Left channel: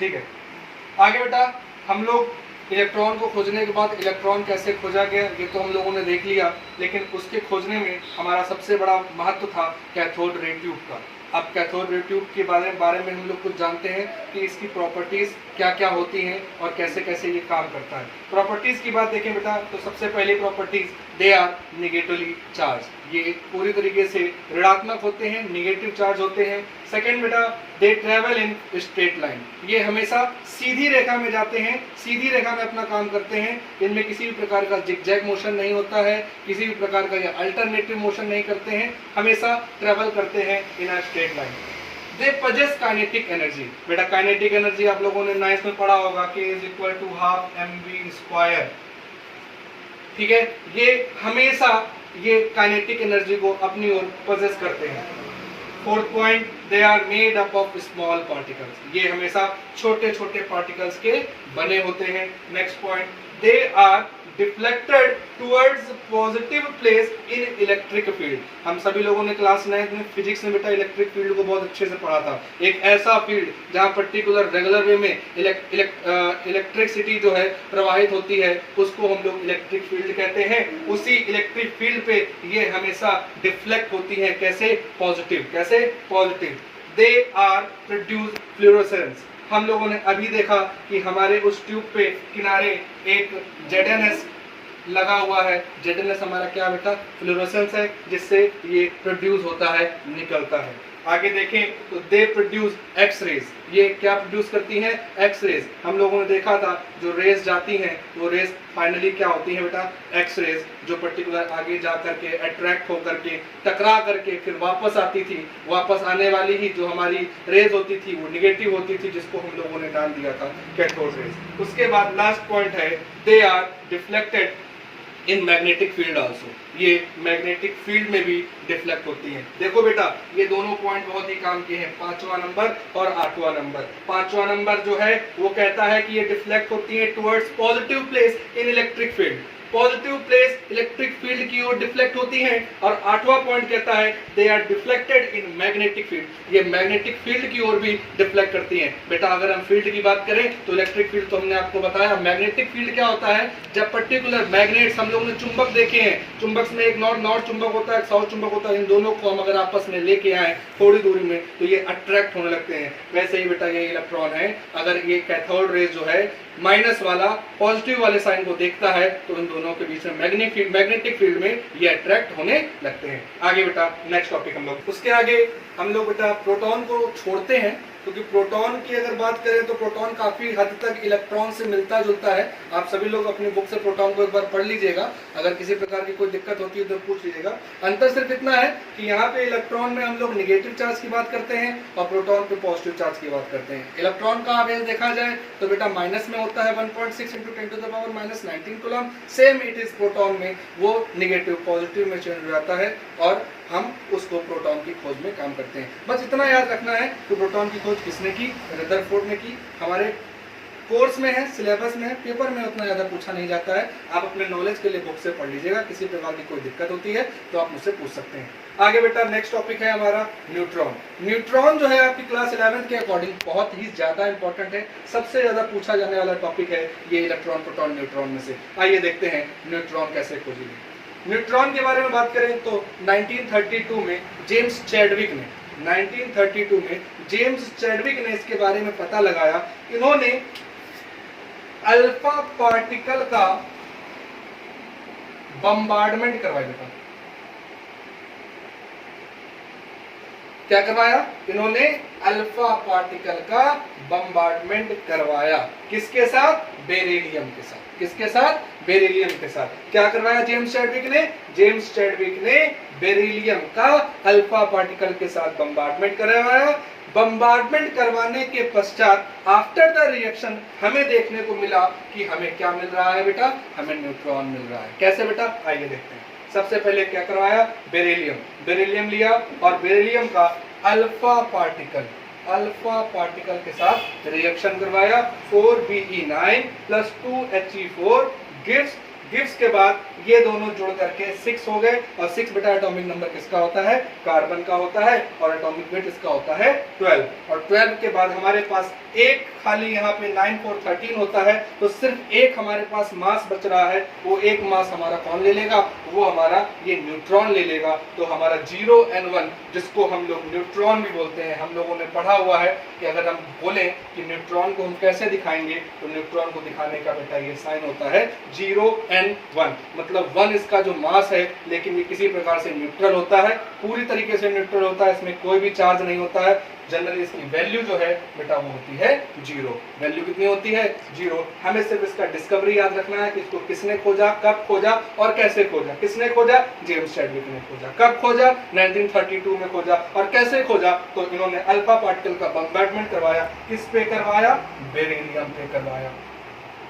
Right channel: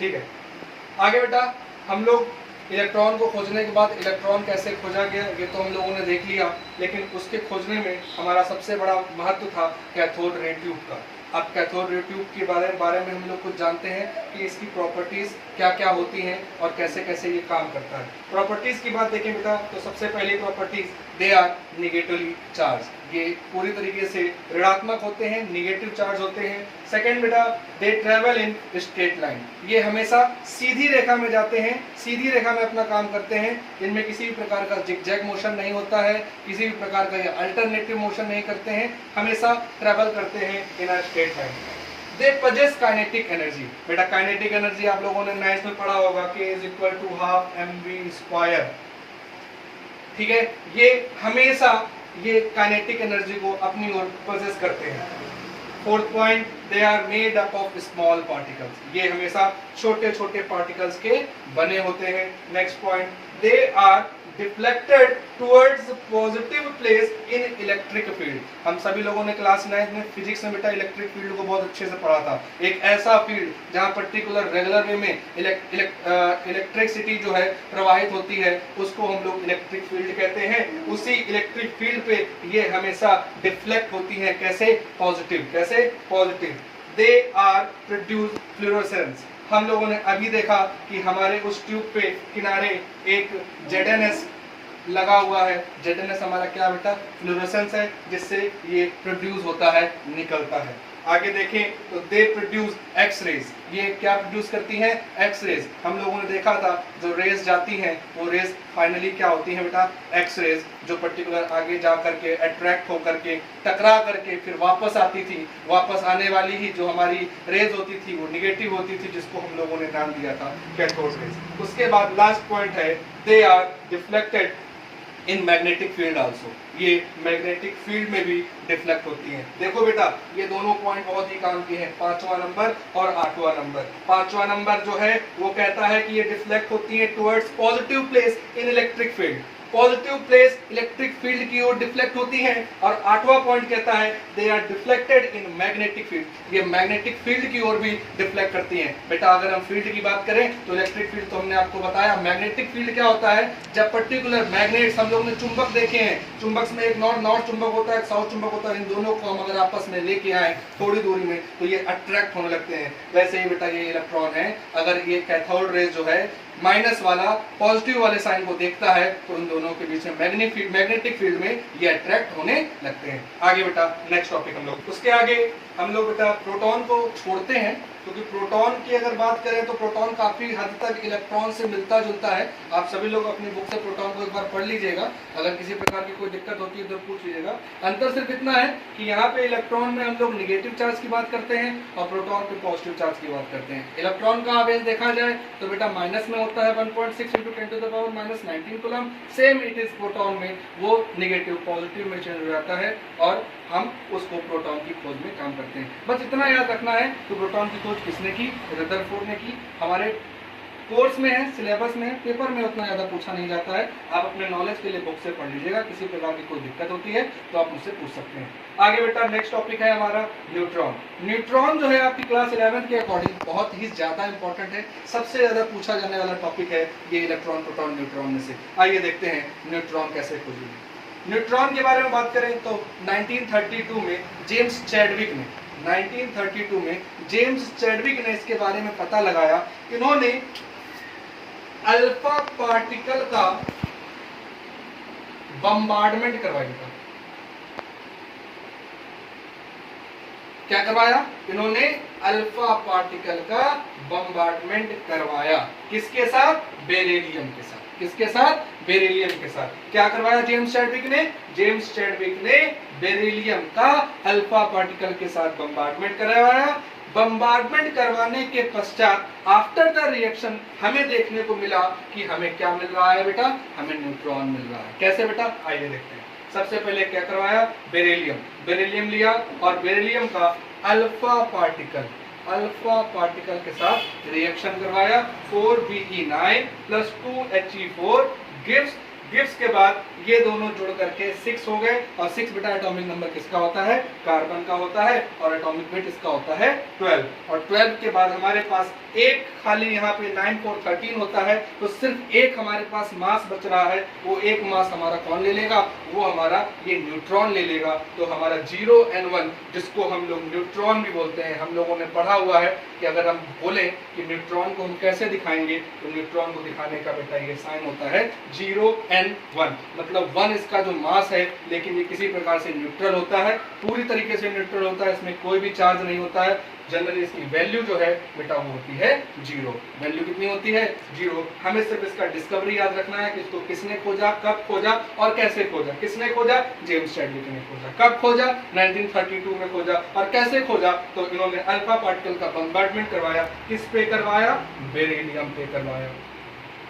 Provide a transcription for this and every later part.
ठीक है। आगे बेटा हम लोग इलेक्ट्रॉन को खोजने के बाद इलेक्ट्रॉन कैसे खोजा गया ये तो हम लोगों ने देख लिया, लेकिन उसके खोजने में हमारा सबसे बड़ा महत्व था कैथोड रे ट्यूब का। अब कैथोड रे ट्यूब के बारे में हम लोग कुछ जानते हैं कि इसकी प्रॉपर्टीज क्या क्या होती हैं और कैसे कैसे ये काम करता है। प्रॉपर्टीज की बात देखें बेटा तो सबसे पहली properties, they are negatively charge, ये पूरी तरीके से ऋणात्मक होते हैं, निगेटिव चार्ज होते हैं। सेकेंड बेटा, they travel in straight line, ये हमेशा सीधी रेखा में जाते हैं, सीधी रेखा में अपना काम करते हैं, इनमें किसी भी प्रकार का जिगजैग मोशन नहीं होता है, किसी भी प्रकार का ये अल्टरनेटिव मोशन नहीं करते हैं, हमेशा ट्रेवल करते हैं in a straight line. They passes kinetic energy, बेटा काइनेटिक एनर्जी आप लोगों ने 9th में पढ़ा होगा कि is equal to half mv², ठीक है। ये हमेशा ये काइनेटिक एनर्जी को अपनी ओर पजेस करते हैं। Fourth point, they are made up of small particles, ये हमेशा छोटे छोटे पार्टिकल्स के बने होते हैं। Next point, they are deflected towards positive place in electric field. हम सभी लोगों ने क्लास 9th में फिजिक्स में बेटा इलेक्ट्रिक फील्ड को बहुत अच्छे से पढ़ा था। एक ऐसा फील्ड जहां पर्टिकुलर रेगुलर वे में इलेक्ट्रिसिटी जो है प्रवाहित होती है उसको हम लोग इलेक्ट्रिक फील्ड कहते हैं। उसी इलेक्ट्रिक फील्ड पे ये हमेशा डिफ्लेक्ट होती है, कैसे? पॉजिटिव, कैसे? Positive. They are produce fluorescence, हम लोगों ने अभी देखा कि हमारे उस ट्यूब पे किनारे एक ZNS लगा हुआ है। ZNS हमारा क्या बेटा? फ्लोरोसेंस है, जिससे ये प्रोड्यूस होता है, निकलता है। आगे देखें तो दे प्रोड्यूस एक्स रेज, ये क्या प्रोड्यूस करती हैं? X rays. हम लोगों ने देखा था जो रेज जाती हैं वो रेज फाइनली क्या होती है बेटा? एक्स रेज, जो पर्टिकुलर आगे जा करके अट्रैक्ट होकर के टकरा करके फिर वापस आती थी। वापस आने वाली ही जो हमारी रेज होती थी वो निगेटिव होती थी, जिसको हम लोगों ने नाम दिया था कैथोड रेज। उसके बाद लास्ट पॉइंट है, they are deflected in magnetic field also, ये मैग्नेटिक फील्ड में भी डिफ्लेक्ट होती हैं। देखो बेटा ये दोनों पॉइंट बहुत ही काम के हैं, 5वां नंबर और 8वां नंबर। 5वां नंबर जो है वो कहता है कि ये डिफ्लेक्ट होती है towards positive place in electric field, positive place electric field की ओर डिफ्लेक्ट होती हैं। और 8वां पॉइंट कहता है they are deflected in magnetic field, ये मैग्नेटिक फील्ड की ओर भी डिफ्लेक्ट करती हैं। बेटा अगर हम फील्ड की बात करें तो इलेक्ट्रिक फील्ड तो हमने आपको बताया, मैग्नेटिक फील्ड क्या होता है? जब पर्टिकुलर मैग्नेट्स, हम लोगों ने चुंबक देखे हैं, चुंबक में एक नॉर्थ चुंबक होता है, एक साउथ चुंबक होता है, इन दोनों को हम अगर आपस में लेके आए थोड़ी दूरी में तो ये अट्रैक्ट होने लगते हैं। वैसे ही बेटा ये इलेक्ट्रॉन है, अगर ये कैथोड रेज जो है माइनस वाला पॉजिटिव वाले साइन को देखता है तो इन दोनों के बीच में मैग्नेटिक फील्ड में ये अट्रैक्ट होने लगते हैं। आगे बेटा नेक्स्ट टॉपिक हम लोग, उसके आगे हम लोग बेटा प्रोटॉन को छोड़ते हैं, क्योंकि प्रोटॉन की अगर बात करें तो प्रोटॉन काफी हद तक इलेक्ट्रॉन से मिलता जुलता है। आप सभी लोग अपनी बुक से प्रोटॉन को एक बार पढ़ लीजिएगा, अगर किसी प्रकार की कोई दिक्कत होती है तो पूछ लीजिएगा। अंतर सिर्फ इतना है कि यहाँ पे इलेक्ट्रॉन में हम लोग निगेटिव चार्ज की बात करते हैं और प्रोटॉन पे पॉजिटिव चार्ज की बात करते हैं। इलेक्ट्रॉन का आवेश देखा जाए तो बेटा माइनस में होता है 1.6 × 10⁻⁻19 coulomb. Same it is proton में वो निगेटिव पॉजिटिव में चेंज हो जाता है और हम उसको प्रोटॉन की खोज में काम करते हैं। बस इतना याद रखना है कि प्रोटॉन की खोज किसने की? रदरफोर्ड ने की। हमारे कोर्स में है, सिलेबस में है, पेपर में उतना ज्यादा पूछा नहीं जाता है। आप अपने नॉलेज के लिए बुक से पढ़ लीजिएगा, किसी प्रकार की कोई दिक्कत होती है तो आप मुझसे पूछ सकते हैं। आगे बेटा नेक्स्ट टॉपिक है हमारा न्यूट्रॉन। न्यूट्रॉन जो है आपकी क्लास 11th के अकॉर्डिंग बहुत ही ज्यादा इंपॉर्टेंट है, सबसे ज्यादा पूछा जाने वाला टॉपिक है ये इलेक्ट्रॉन प्रोटॉन न्यूट्रॉन में से। आइए देखते हैं न्यूट्रॉन कैसे खोजेंगे। न्यूट्रॉन के बारे में बात करें तो 1932 में जेम्स चैडविक ने 1932 में जेम्स चैडविक ने इसके बारे में पता लगाया। इन्होंने अल्फा पार्टिकल का बम्बार्डमेंट करवाया बेटा। क्या करवाया? इन्होंने अल्फा पार्टिकल का बम्बार्डमेंट करवाया। किसके साथ? बेरिलियम के साथ। किसके साथ? बेरिलियम के साथ। क्या करवाया जेम्स चैडविक ने? जेम्स चैडविक ने बेरिलियम का अल्फा पार्टिकल के साथ बम्बार्डमेंट करवाया। बम्बार्डमेंट करवाने के पश्चात आफ्टर द रिएक्शन हमें देखने को मिला कि हमें क्या मिल रहा है बेटा? हमें न्यूट्रॉन मिल रहा है। कैसे बेटा? आइए देखते हैं। सबसे पहले क्या करवाया? बेरिलियम लिया और बेरिलियम का अल्फा पार्टिकल के साथ रिएक्शन करवाया। 4Be9 + 2He4 गिव्स गिब्स के बाद ये दोनों जुड़ करके 6 हो गए, और 6 बेटा एटॉमिक नंबर किसका होता है? कार्बन का होता है, और एटॉमिक वेट इसका होता है 12। और 12 के बाद हमारे पास एक खाली यहाँ पे 9 4 13 होता है, तो सिर्फ एक हमारे पास मास बच रहा है। वो एक मास हमारा कौन ले लेगा? वो हमारा ये न्यूट्रॉन ले लेगा। तो हमारा 0n1 जिसको हम लोग न्यूट्रॉन भी बोलते हैं, हम लोगों ने पढ़ा हुआ है कि अगर हम बोलें कि न्यूट्रॉन को हम कैसे दिखाएंगे, तो न्यूट्रॉन को दिखाने का बेटा ये साइन होता है 0n1, मतलब 1 इसका जो मास है, लेकिन ये किसी प्रकार से न्यूट्रल होता है, पूरी तरीके से न्यूट्रल होता है, इसमें कोई भी चार्ज नहीं होता है। जनरली इसकी वैल्यू जो है बेटा वो होती है 0। वैल्यू कितनी होती है? 0। हमें सिर्फ इसका डिस्कवरी याद रखना है कि इसको किसने खोजा, कब खोजा और कैसे खोजा। किसने खोजा? जेम्स चैडविक ने खोजा। कब खोजा? 1932 में खोजा। और कैसे खोजा? तो इन्होंने अल्फा पार्टिकल का बम्बार्डमेंट करवाया। किस पे करवाया? बेरिलियम पे करवाया।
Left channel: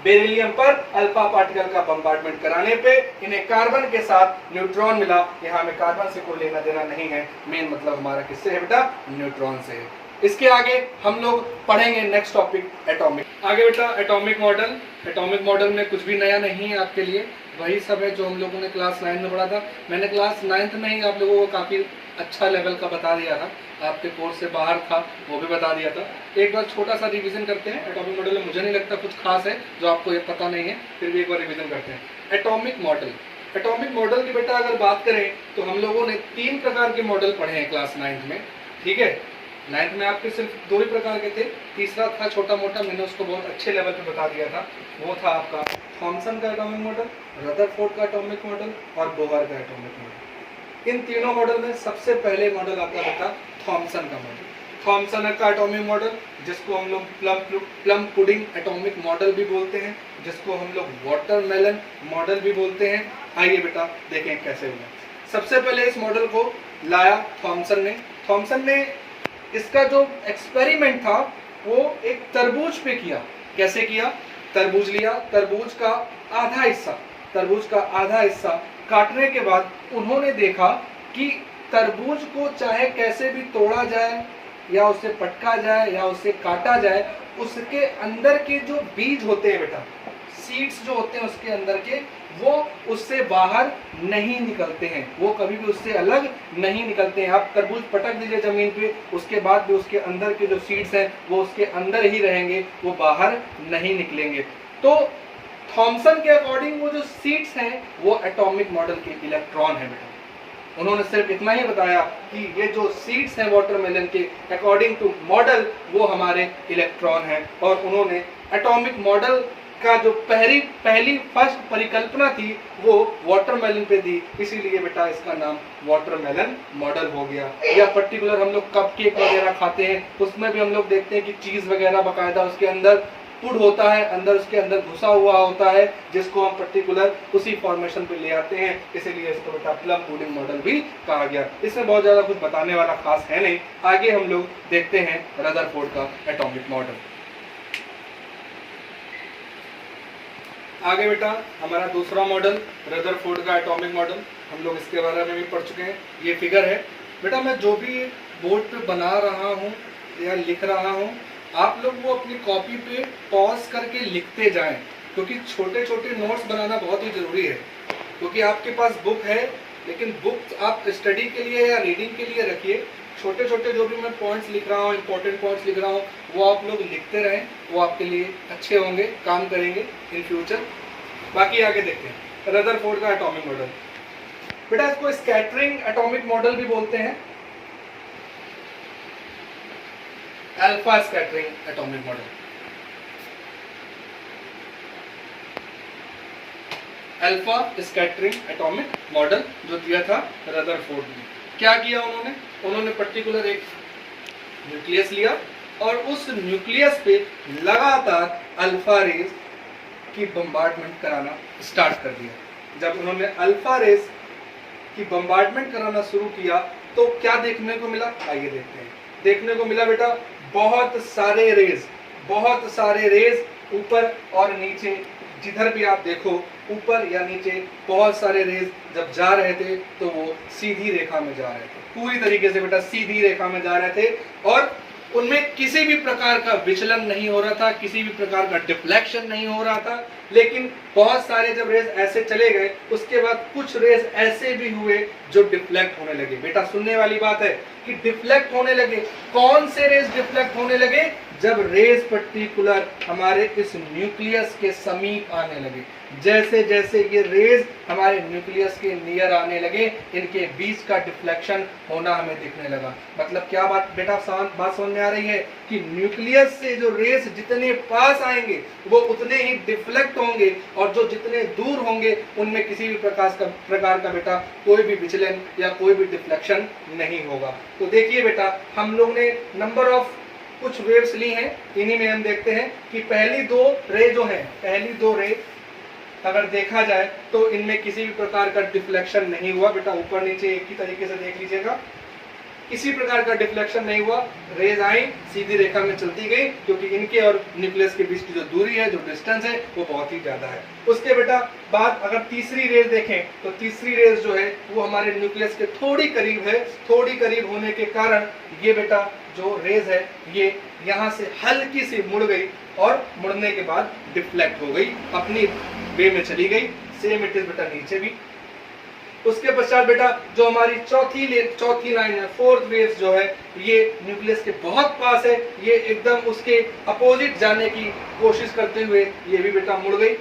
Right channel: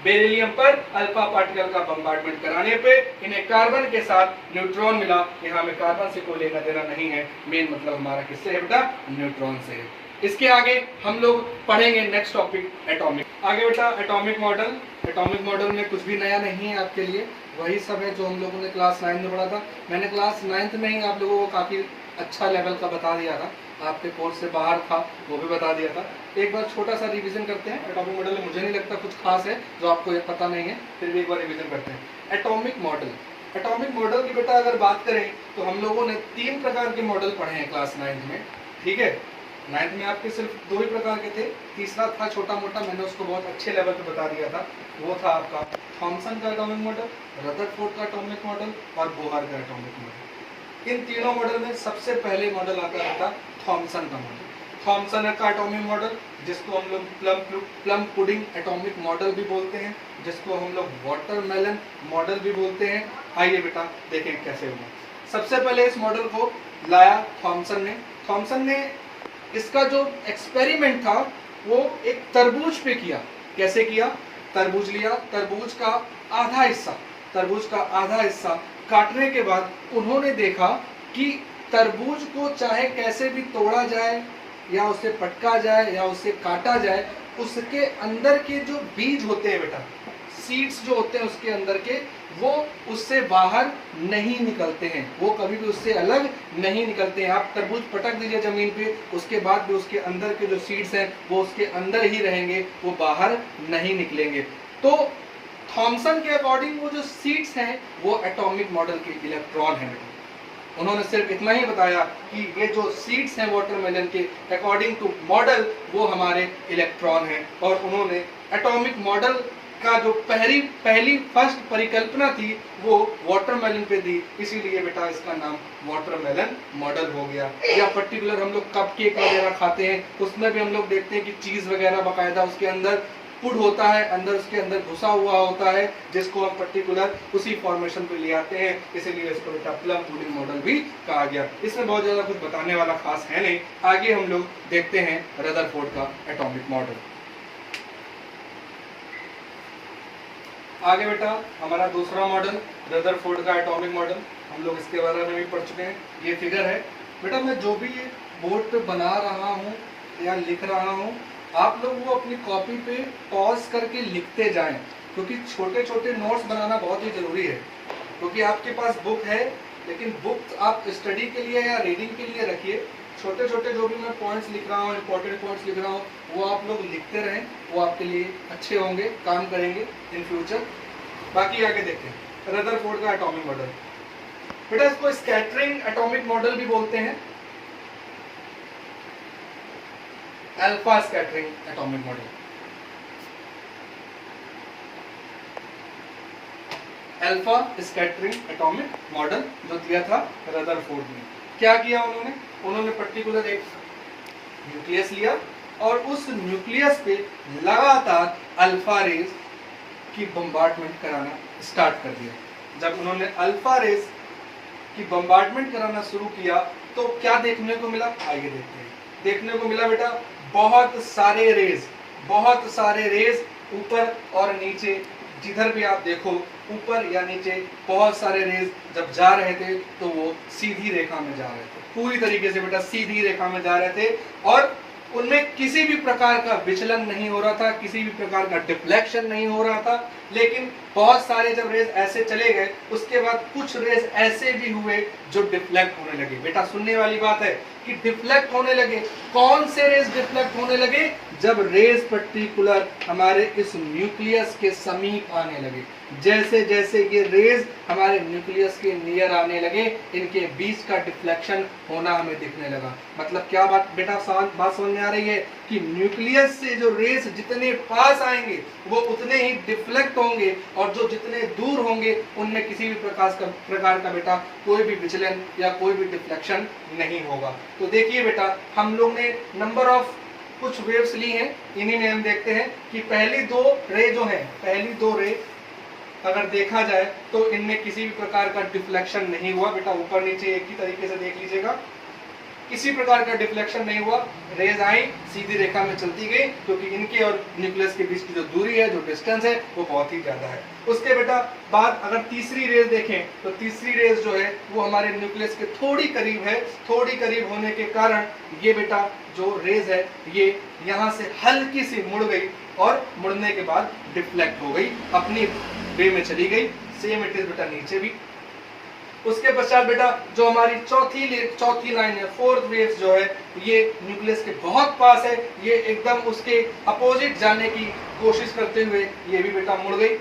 बेरिलियम पर अल्फा पार्टिकल का बम्बार्डमेंट कराने पे इन्हें कार्बन के साथ न्यूट्रॉन मिला। यहाँ में कार्बन से कोई लेना देना नहीं है, मेन मतलब हमारा किससे है बेटा? न्यूट्रॉन से है। इसके आगे हम लोग पढ़ेंगे नेक्स्ट टॉपिक एटॉमिक। आगे बेटा एटॉमिक मॉडल। एटॉमिक मॉडल में कुछ भी नया नहीं है आपके लिए, वही सब है जो हम लोगों ने क्लास 9 में पढ़ा था। मैंने क्लास 9th में ही आप लोगों को काफी अच्छा लेवल का बता दिया था, आपके कोर्स से बाहर था वो भी बता दिया था। एक बार छोटा सा रिवीजन करते हैं। एटॉमिक मॉडल में मुझे नहीं लगता कुछ खास है जो आपको ये पता नहीं है, फिर भी एक बार रिवीजन करते हैं। Atomic model. एटॉमिक मॉडल की बेटा अगर बात करें तो हम लोगों ने 3 प्रकार के मॉडल पढ़े हैं क्लास 9 में, ठीक है। 9th में आपके सिर्फ 2 ही प्रकार के थे, तीसरा था छोटा मोटा, मैंने उसको बहुत अच्छे लेवल पे बता दिया था। वो था आपका थॉमसन का एटॉमिक मॉडल, रदरफोर्ड का एटॉमिक मॉडल और बोहर का एटॉमिक मॉडल। इन तीनों मॉडल में सबसे पहले मॉडल आता था थॉमसन का मॉडल। थॉमसन का एटॉमिक मॉडल जिसको हम लोग प्लम पुडिंग एटॉमिक मॉडल भी बोलते हैं, जिसको हम लोग वाटरमेलन मॉडल भी बोलते हैं। आइए बेटा देखें कैसे हुआ। सबसे पहले इस मॉडल को लाया थॉमसन ने। थॉमसन ने इसका जो एक्सपेरिमेंट था वो एक तरबूज पे किया। कैसे किया? तरबूज लिया, तरबूज का आधा हिस्सा काटने के बाद उन्होंने देखा कि तरबूज को चाहे कैसे भी तोड़ा जाए या उसे पटका जाए या उसे काटा जाए, उसके अंदर के जो बीज होते हैं बेटा, सीड्स जो होते हैं उसके अंदर के, वो उससे बाहर नहीं निकलते हैं, वो कभी भी उससे अलग नहीं निकलते हैं। आप तरबूज पटक दीजिए जमीन पे, उसके बाद भी उसके अंदर के जो सीड्स हैं वो उसके अंदर ही रहेंगे, वो बाहर नहीं निकलेंगे। तो थॉमसन के अकॉर्डिंग वो जो सीड्स हैं वो एटॉमिक मॉडल के इलेक्ट्रॉन है। उन्होंने सिर्फ इतना ही बताया कि ये जो सीड्स हैं वाटरमेलन के अकॉर्डिंग टू मॉडल वो हमारे इलेक्ट्रॉन हैं, और उन्होंने एटॉमिक मॉडल का जो पहली फर्स्ट परिकल्पना थी वो वाटरमेलन पे दी, इसीलिए बेटा इसका नाम वाटरमेलन मॉडल हो गया। या पर्टिकुलर हम लोग कपकेक वगैरह खाते हैं, उसमें भी हम लोग देखते हैं कि चीज वगैरह बाकायदा उसके अंदर पुड होता है, अंदर उसके अंदर घुसा हुआ होता है, जिसको हम पर्टिकुलर उसी फॉर्मेशन पे ले आते हैं, इसीलिए इसको बेटा प्लम पुडिंग मॉडल भी कहा गया। इसमें बहुत ज्यादा कुछ बताने वाला खास है नहीं। आगे हम लोग देखते हैं रदरफोर्ड का एटॉमिक मॉडल। आगे बेटा हमारा दूसरा मॉडल रदरफोर्ड का एटॉमिक मॉडल, हम लोग इसके बारे में भी पढ़ चुके हैं। ये फिगर है बेटा, मैं जो भी बोर्ड पे बना रहा हूँ या लिख रहा हूँ, आप लोग वो अपनी कॉपी पे पॉज करके लिखते जाएं, क्योंकि छोटे छोटे नोट्स बनाना बहुत ही जरूरी है। क्योंकि आपके पास बुक है, लेकिन बुक आप स्टडी के लिए या रीडिंग के लिए रखिए। छोटे छोटे जो भी मैं पॉइंट्स लिख रहा हूँ, इंपॉर्टेंट पॉइंट्स लिख रहा हूँ, वो आप लोग लिखते रहें, वो आपके लिए अच्छे होंगे, काम करेंगे इन फ्यूचर। बाकी आगे देखते हैं रदरफोर्ड का एटॉमिक मॉडल। बेटा इसको स्कैटरिंग एटॉमिक मॉडल भी बोलते हैं, alpha scattering atomic model. Alpha scattering atomic model जो दिया था रदरफोर्ड ने। क्या किया उन्होंने पर्टिकुलर एक न्यूक्लियस लिया और उस न्यूक्लियस पे लगातार अल्फा रेज की बम्बार्डमेंट कराना स्टार्ट कर दिया। जब उन्होंने अल्फा रेज की बम्बार्डमेंट कराना शुरू किया तो क्या देखने को मिला? आइए देखते हैं। देखने को मिला बेटा बहुत सारे रेज ऊपर और नीचे, जिधर भी आप देखो ऊपर या नीचे बहुत सारे रेज जब जा रहे थे तो वो सीधी रेखा में जा रहे थे, पूरी तरीके से बेटा सीधी रेखा में जा रहे थे। और उनमें किसी भी प्रकार का विचलन नहीं हो रहा था, किसी भी प्रकार का डिफ्लेक्शन नहीं हो रहा था। लेकिन बहुत सारे जब रेज ऐसे चले गए, उसके बाद कुछ रेज ऐसे भी हुए जो डिफ्लेक्ट होने लगे। बेटा सुनने वाली बात है कि डिफ्लेक्ट होने लगे। कौन से रेज डिफ्लेक्ट होने लगे? जब रेज पर्टिकुलर हमारे इस न्यूक्लियस के समीप आने लगे। जैसे जैसे ये रेज हमारे न्यूक्लियस के नियर आने लगे, इनके बीच का डिफ्लेक्शन होना हमें दिखने लगा। मतलब क्या बात बेटा बात समझ में आ रही है कि न्यूक्लियस से जो रेज जितने पास आएंगे वो उतने ही डिफ्लेक्ट होंगे, और जो जितने दूर होंगे उनमें किसी भी प्रकार का बेटा कोई भी विचलन या कोई भी डिफ्लेक्शन नहीं होगा। तो देखिए बेटा, हम लोग ने नंबर ऑफ कुछ वेव्स ली हैं, इन्हीं में हम देखते हैं कि पहली दो रे अगर देखा जाए तो इनमें किसी भी प्रकार का डिफ्लेक्शन नहीं हुआ। बेटा ऊपर नीचे एक ही तरीके से देख लीजिएगा, किसी प्रकार का डिफ्लेक्शन नहीं हुआ। रेज आई, सीधी रेखा में चलती गई, क्योंकि इनके और न्यूक्लियस के बीच की जो दूरी है, जो डिस्टेंस है, वो बहुत ही ज्यादा है। उसके बेटा बाद अगर तीसरी रेज देखें तो तीसरी रेज जो है वो हमारे न्यूक्लियस के थोड़ी करीब है। थोड़ी करीब होने के कारण ये बेटा जो रेज है ये यहाँ से हल्की सी मुड़ गई, और मुड़ने के बाद डिफ्लेक्ट हो गई, अपनी वे में चली गई। सेम इट इज बेटा नीचे भी। उसके पश्चात बेटा जो हमारी चौथी लाइन है, फोर्थ वेव जो है, ये न्यूक्लियस के बहुत पास है, ये एकदम उसके अपोजिट जाने की कोशिश करते हुए ये भी बेटा मुड़ गई।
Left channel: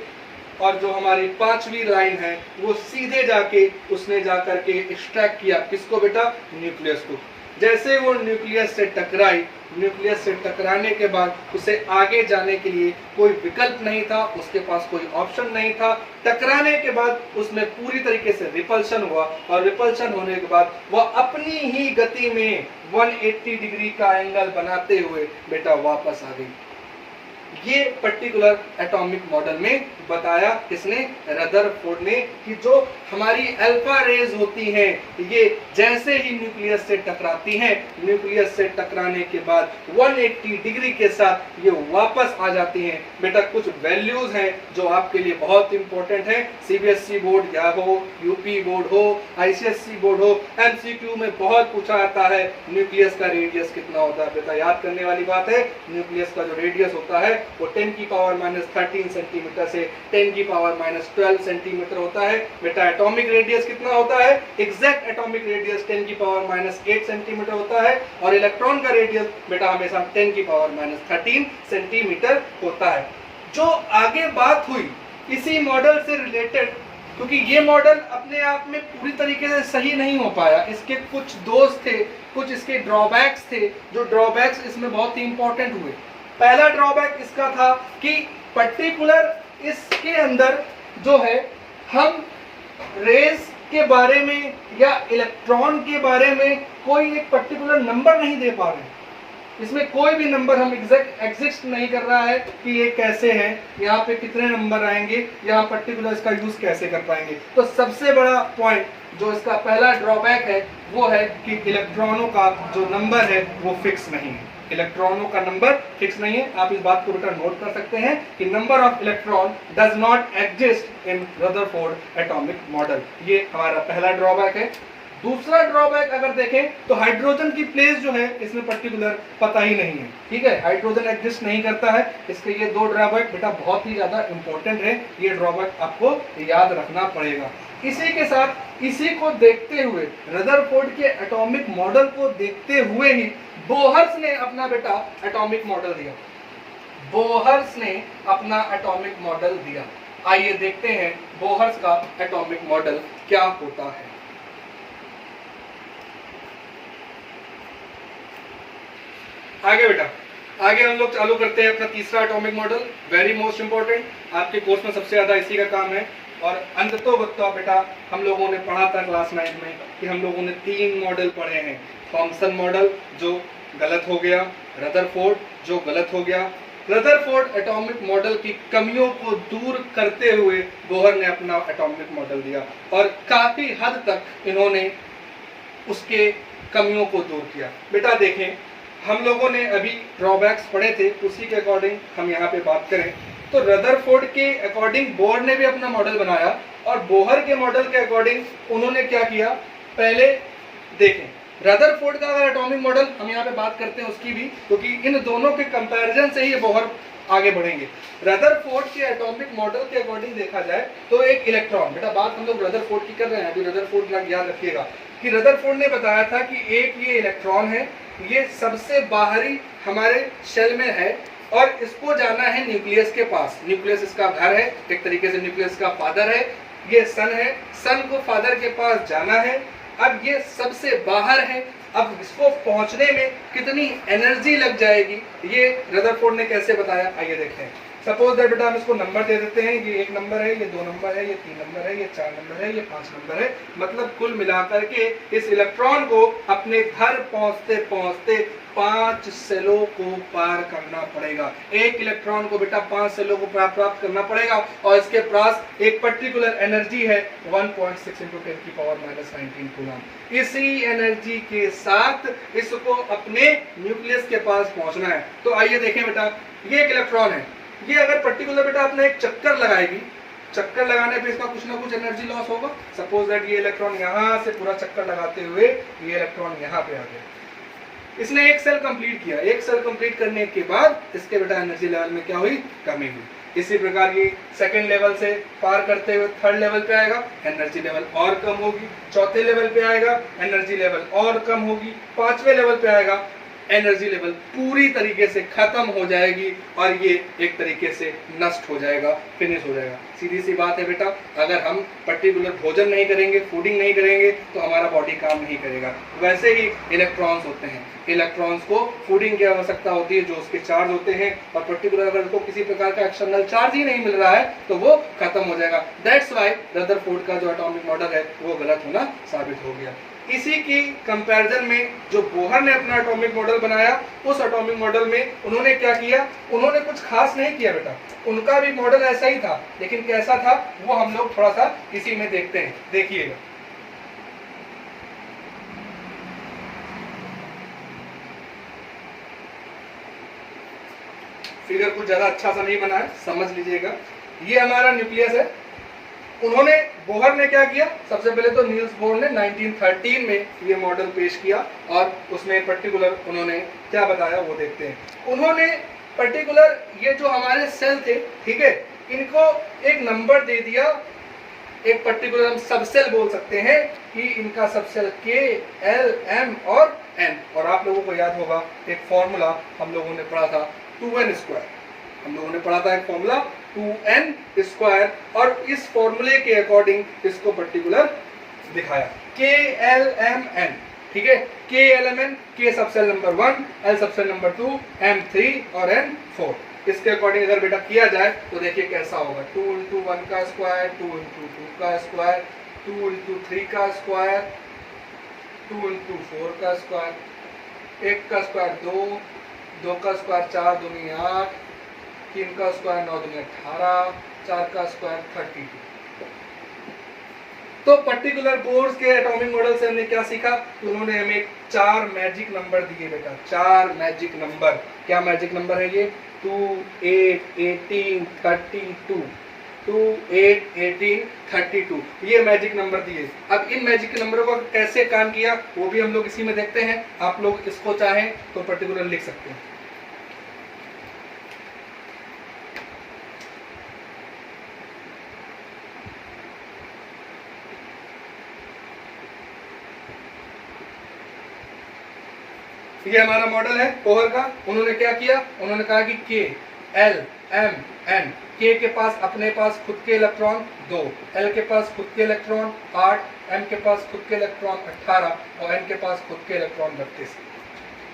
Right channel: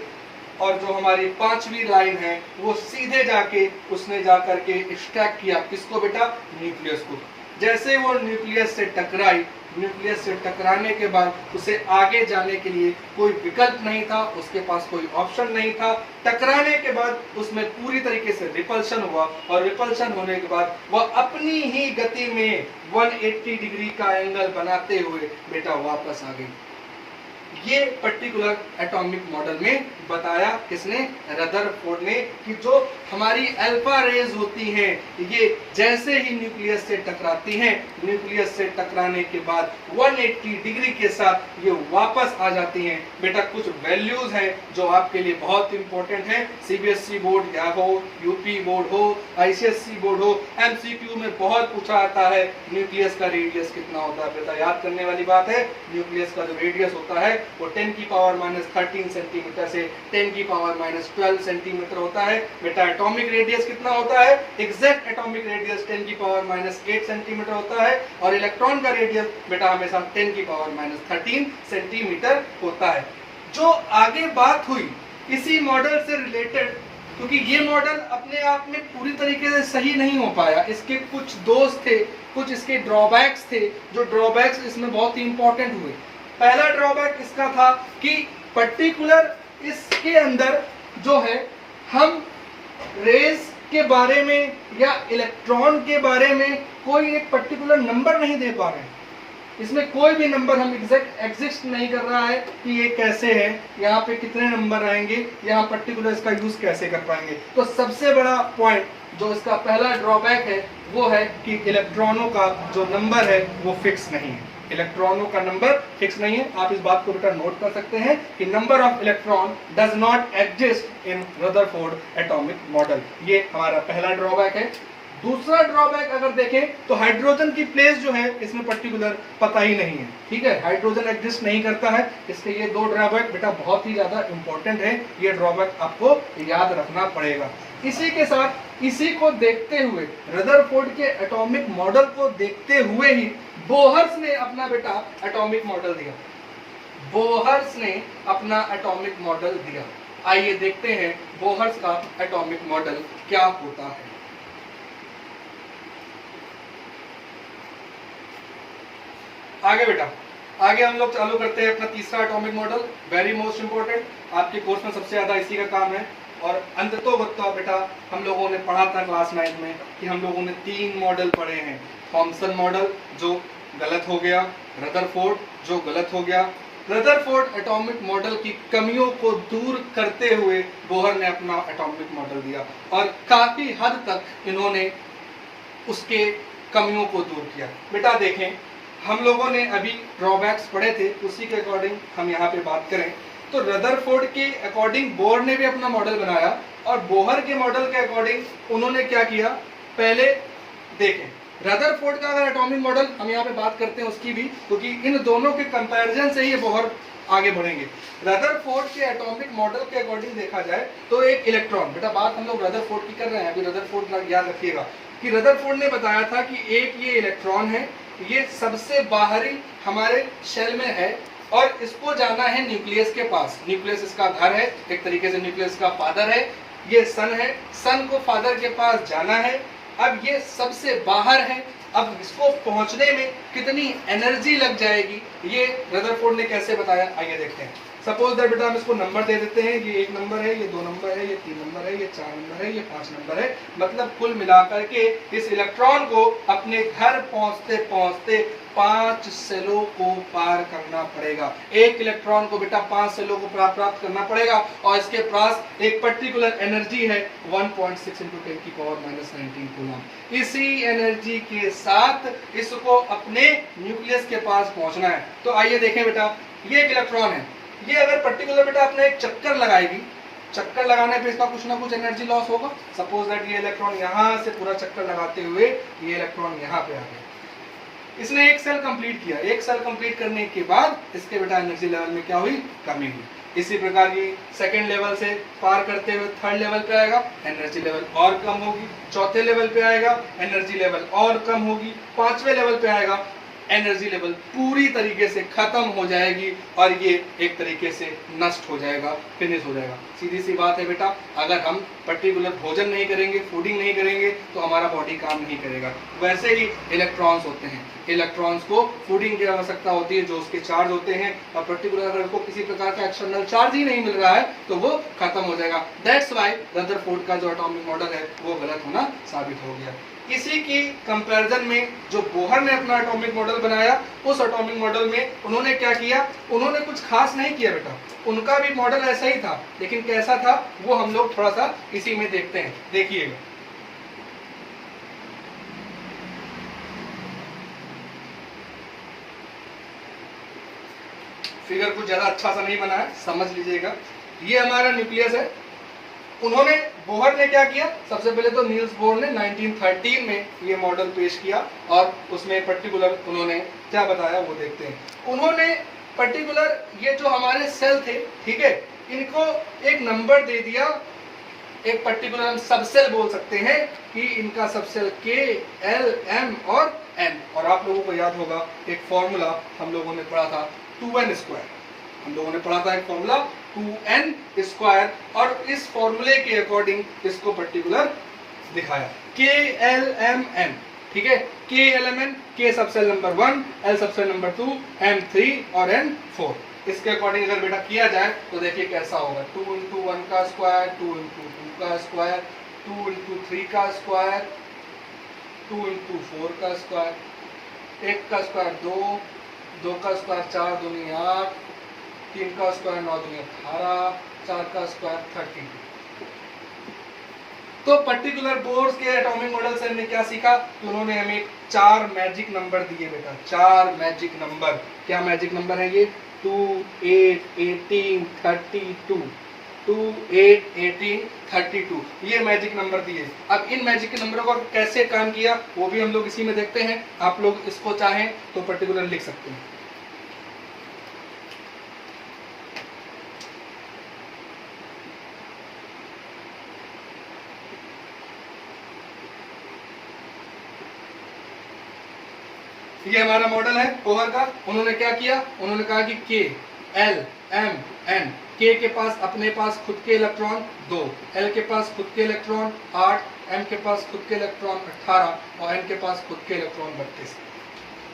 और जो हमारी पांचवी लाइन है वो सीधे जाके उसने जाकर के एक्सट्रैक्ट किया किसको बेटा? न्यूक्लियस को। जैसे वो न्यूक्लियस से टकराई, न्यूक्लियस से टकराने के बाद उसे आगे जाने के लिए कोई विकल्प नहीं था, उसके पास कोई ऑप्शन नहीं था। टकराने के बाद उसमें पूरी तरीके से रिपल्शन हुआ, और रिपल्शन होने के बाद वह अपनी ही गति में 180 डिग्री का एंगल बनाते हुए बेटा वापस आ गई। ये पर्टिकुलर एटॉमिक मॉडल में बताया किसने? रदरफोर्ड ने, कि जो हमारी अल्फा रेज होती हैं ये जैसे ही न्यूक्लियस से टकराती हैं, न्यूक्लियस से टकराने के बाद 180 डिग्री के साथ ये वापस आ जाती हैं। बेटा कुछ वैल्यूज हैं जो आपके लिए बहुत इंपॉर्टेंट हैं। सीबीएसई बोर्ड या हो, यूपी बोर्ड हो, आईसीएसई बोर्ड हो, एमसीक्यू में बहुत पूछा जाता है न्यूक्लियस का रेडियस कितना होता है। बेटा याद करने वाली बात है, न्यूक्लियस का जो रेडियस होता है वो 10 की पावर -13 सेंटीमीटर से 10 की पावर -12 सेंटीमीटर होता है। बेटा एटॉमिक रेडियस कितना होता है? एग्जैक्ट एटॉमिक रेडियस 10 की पावर -8 सेंटीमीटर होता है, और इलेक्ट्रॉन का रेडियस बेटा हमेशा 10 की पावर -13 सेंटीमीटर होता है। जो आगे बात हुई इसी मॉडल से रिलेटेड, क्योंकि ये मॉडल अपने आप में पूरी तरीके से सही नहीं हो पाया, इसके कुछ दोष थे, कुछ इसके ड्रॉबैक्स थे, जो ड्रॉबैक्स इसमें बहुत ही इंपॉर्टेंट हुए। पहला ड्रॉबैक इसका था कि पर्टिकुलर इसके अंदर जो है हम रेज के बारे में या इलेक्ट्रॉन के बारे में कोई एक पर्टिकुलर नंबर नहीं दे पा रहे हैं। इसमें कोई भी नंबर हम एग्जिस्ट नहीं कर रहा है कि ये कैसे है, यहाँ पे कितने नंबर आएंगे, यहाँ पर्टिकुलर इसका यूज कैसे कर पाएंगे। तो सबसे बड़ा पॉइंट जो इसका पहला ड्रॉबैक है वो है कि इलेक्ट्रॉनों का जो नंबर है वो फिक्स नहीं है। इलेक्ट्रॉनों का नंबर फिक्स नहीं है। आप इस बात को बेटा नोट कर सकते हैं कि number of electron does not exist in Rutherford atomic model. ये हमारा पहला ड्रॉबैक है। दूसरा ड्रॉबैक अगर देखें तो हाइड्रोजन की प्लेस जो है इसमें पर्टिकुलर पता ही नहीं है। ठीक है, हाइड्रोजन एग्जिस्ट नहीं करता है। इसके ये दो ड्रॉबैक बेटा बहुत ही ज्यादा इंपॉर्टेंट है, ये ड्रॉबैक आपको याद रखना पड़ेगा। इसी के साथ इसी को देखते हुए, रदरफोर्ड के एटॉमिक मॉडल को देखते हुए ही बोहर्स ने अपना बेटा एटॉमिक मॉडल दिया। बोहर्स ने अपना एटॉमिक मॉडल दिया। आइए देखते हैं बोहर्स का एटॉमिक मॉडल क्या होता है। आगे बेटा, आगे हम लोग चालू करते हैं अपना तीसरा atomic model. Very most important, आपके कोर्स में सबसे ज्यादा इसी का काम है। और अंततोगत्वा बेटा हम लोगों ने पढ़ा था क्लास 9 में कि हम लोगों ने 3 मॉडल पढ़े हैं। थॉमसन मॉडल जो गलत हो गया, रदरफोर्ड जो गलत हो गया। रदरफोर्ड एटॉमिक मॉडल की कमियों को दूर करते हुए बोहर ने अपना एटॉमिक मॉडल दिया, और काफी हद तक इन्होंने उसके कमियों को दूर किया। बेटा देखें, हम लोगों ने अभी ड्रॉबैक्स पढ़े थे, उसी के अकॉर्डिंग हम यहाँ पे बात करें तो रदरफोर्ड के अकॉर्डिंग बोहर ने भी अपना मॉडल बनाया, और बोहर के मॉडल के अकॉर्डिंग उन्होंने क्या किया, पहले देखें रदरफोर्ड का अगर एटॉमिक मॉडल हम यहाँ पे बात करते हैं उसकी भी, क्योंकि इन दोनों के कंपैरिजन से ही ये बोहर आगे बढ़ेंगे। रदरफोर्ड के एटॉमिक मॉडल के अकॉर्डिंग देखा जाए तो एक इलेक्ट्रॉन, बेटा बात हम लोग रदरफोर्ड की कर रहे हैं, अभी रदरफोर्ड का याद रखिएगा कि रदरफोर्ड ने बताया था कि एक ये इलेक्ट्रॉन है, ये सबसे बाहरी हमारे शेल में है और इसको जाना है न्यूक्लियस के पास। न्यूक्लियस इसका घर है, एक तरीके से न्यूक्लियस का फादर है, ये सन है, सन को फादर के पास जाना है। अब ये सबसे बाहर है, अब इसको पहुंचने में कितनी एनर्जी लग जाएगी, ये रदरफोर्ड ने कैसे बताया, आइए देखते हैं। सपोज दैट बेटा हम इसको नंबर दे देते हैं, ये 1 नंबर है, ये 2 नंबर है, ये 3 नंबर है, ये 4 नंबर है, ये 5 नंबर है। मतलब कुल मिलाकर के इस इलेक्ट्रॉन को अपने घर पहुंचते पहुंचते 5 सेलों को पार करना पड़ेगा। एक इलेक्ट्रॉन को बेटा 5 सेलों को प्राप्त करना पड़ेगा और इसके पास एक पर्टिकुलर एनर्जी है 1.6 × 10⁻⁻19 कूलम। इसी एनर्जी के साथ इसको अपने न्यूक्लियस के पास पहुंचना है। तो आइए देखें बेटा, ये एक इलेक्ट्रॉन है, ये अगर पर्टिकुलर बेटा अपने एक चक्कर लगाएगी, चक्कर लगाने पे इसका कुछ ना कुछ एनर्जी लॉस होगा। सपोज दैट ये इलेक्ट्रॉन यहाँ से पूरा चक्कर लगाते हुए ये इलेक्ट्रॉन यहाँ पे आ गया, इसने एक सेल कंप्लीट किया, एक सेल कंप्लीट करने के बाद इसके बेटा एनर्जी लेवल में क्या हुई, कमी हुई। इसी प्रकार ये सेकंड लेवल से पार करते हुए थर्ड लेवल पे आएगा, एनर्जी लेवल और कम होगी, चौथे लेवल पे आएगा, एनर्जी लेवल और कम होगी, पांचवें लेवल पे आएगा, एनर्जी लेवल पूरी तरीके से खत्म हो जाएगी और ये एक तरीके से नष्ट हो जाएगा, फिनिश हो जाएगा। सीधी सी बात है बेटा, अगर हम पर्टिकुलर भोजन नहीं करेंगे, फूडिंग नहीं करेंगे तो हमारा बॉडी काम नहीं करेगा। वैसे ही इलेक्ट्रॉन्स होते हैं, इलेक्ट्रॉन्स को फूडिंग की आवश्यकता होती है, जो उसके चार्ज होते हैं, और पर्टिकुलर अगर उनको किसी प्रकार का एक्सटर्नल चार्ज ही नहीं मिल रहा है तो वो खत्म हो जाएगा। दैट्स व्हाई रदरफोर्ड का जो एटॉमिक मॉडल है वो गलत होना साबित हो गया। इसी की कंपैरिजन में जो बोहर ने अपना एटॉमिक मॉडल बनाया, उस एटॉमिक मॉडल में उन्होंने क्या किया, उन्होंने कुछ खास नहीं किया बेटा, उनका भी मॉडल ऐसा ही था, लेकिन कैसा था वो हम लोग थोड़ा सा इसी में देखते हैं, देखिएगा। फिगर कुछ ज्यादा अच्छा सा नहीं बना है, समझ लीजिएगा। ये हमारा न्यूक्लियस है। उन्होंने, बोहर ने क्या किया, सबसे पहले तो नील्स बोर ने 1913 में ये मॉडल पेश किया और उसमें पर्टिकुलर उन्होंने क्या बताया वो देखते हैं। उन्होंने पर्टिकुलर ये जो हमारे सेल थे, ठीक है, इनको एक नंबर दे दिया, एक पर्टिकुलर हम सबसेल बोल सकते हैं कि इनका सबसेल K, L, M और N। और आप लोगों को याद होगा एक फॉर्मूला हम लोगों ने पढ़ा था 2n², हम लोगों ने पढ़ा था एक फॉर्मूला 2n², और इस फॉर्मूले के अकॉर्डिंग इसको पर्टिकुलर दिखाया KLMN, ठीक है, KLMN, K subshell number 1, L subshell number 2, M 3 और N 4। इसके अकॉर्डिंग अगर बेटा किया जाए तो देखिए कैसा होगा, 2 × 1 का स्क्वायर, 2 × 2 का स्क्वायर, 2 × 3 का स्क्वायर, 2 × 4 का स्क्वायर, 1 का स्क्वायर 2, 2 का स्क्वायर 4 दूनी 8, 3 का स्क्वायर 9 दूनी 18, 4 का स्क्वायर 32। तो पर्टिकुलर बोर्स के एटॉमिक मॉडल से हमने क्या सीखा कि उन्होंने हमें 4 मैजिक नंबर दिए बेटा, 4 मैजिक नंबर। क्या मैजिक नंबर है ये, 2, 8, 18, 32, 2, 8, 18, 32, ये मैजिक नंबर दिए। अब इन मैजिक नंबरों को कैसे काम किया वो भी हम लोग इसी में देखते हैं। आप लोग इसको चाहें तो पर्टिकुलर लिख सकते हैं। ये हमारा मॉडल है बोहर का। उन्होंने क्या किया, उन्होंने कहा कि K, L, M, N, K के पास अपने पास खुद के इलेक्ट्रॉन 2, L के पास खुद के इलेक्ट्रॉन 8, M के पास खुद के इलेक्ट्रॉन 18 और N के पास खुद के इलेक्ट्रॉन 32।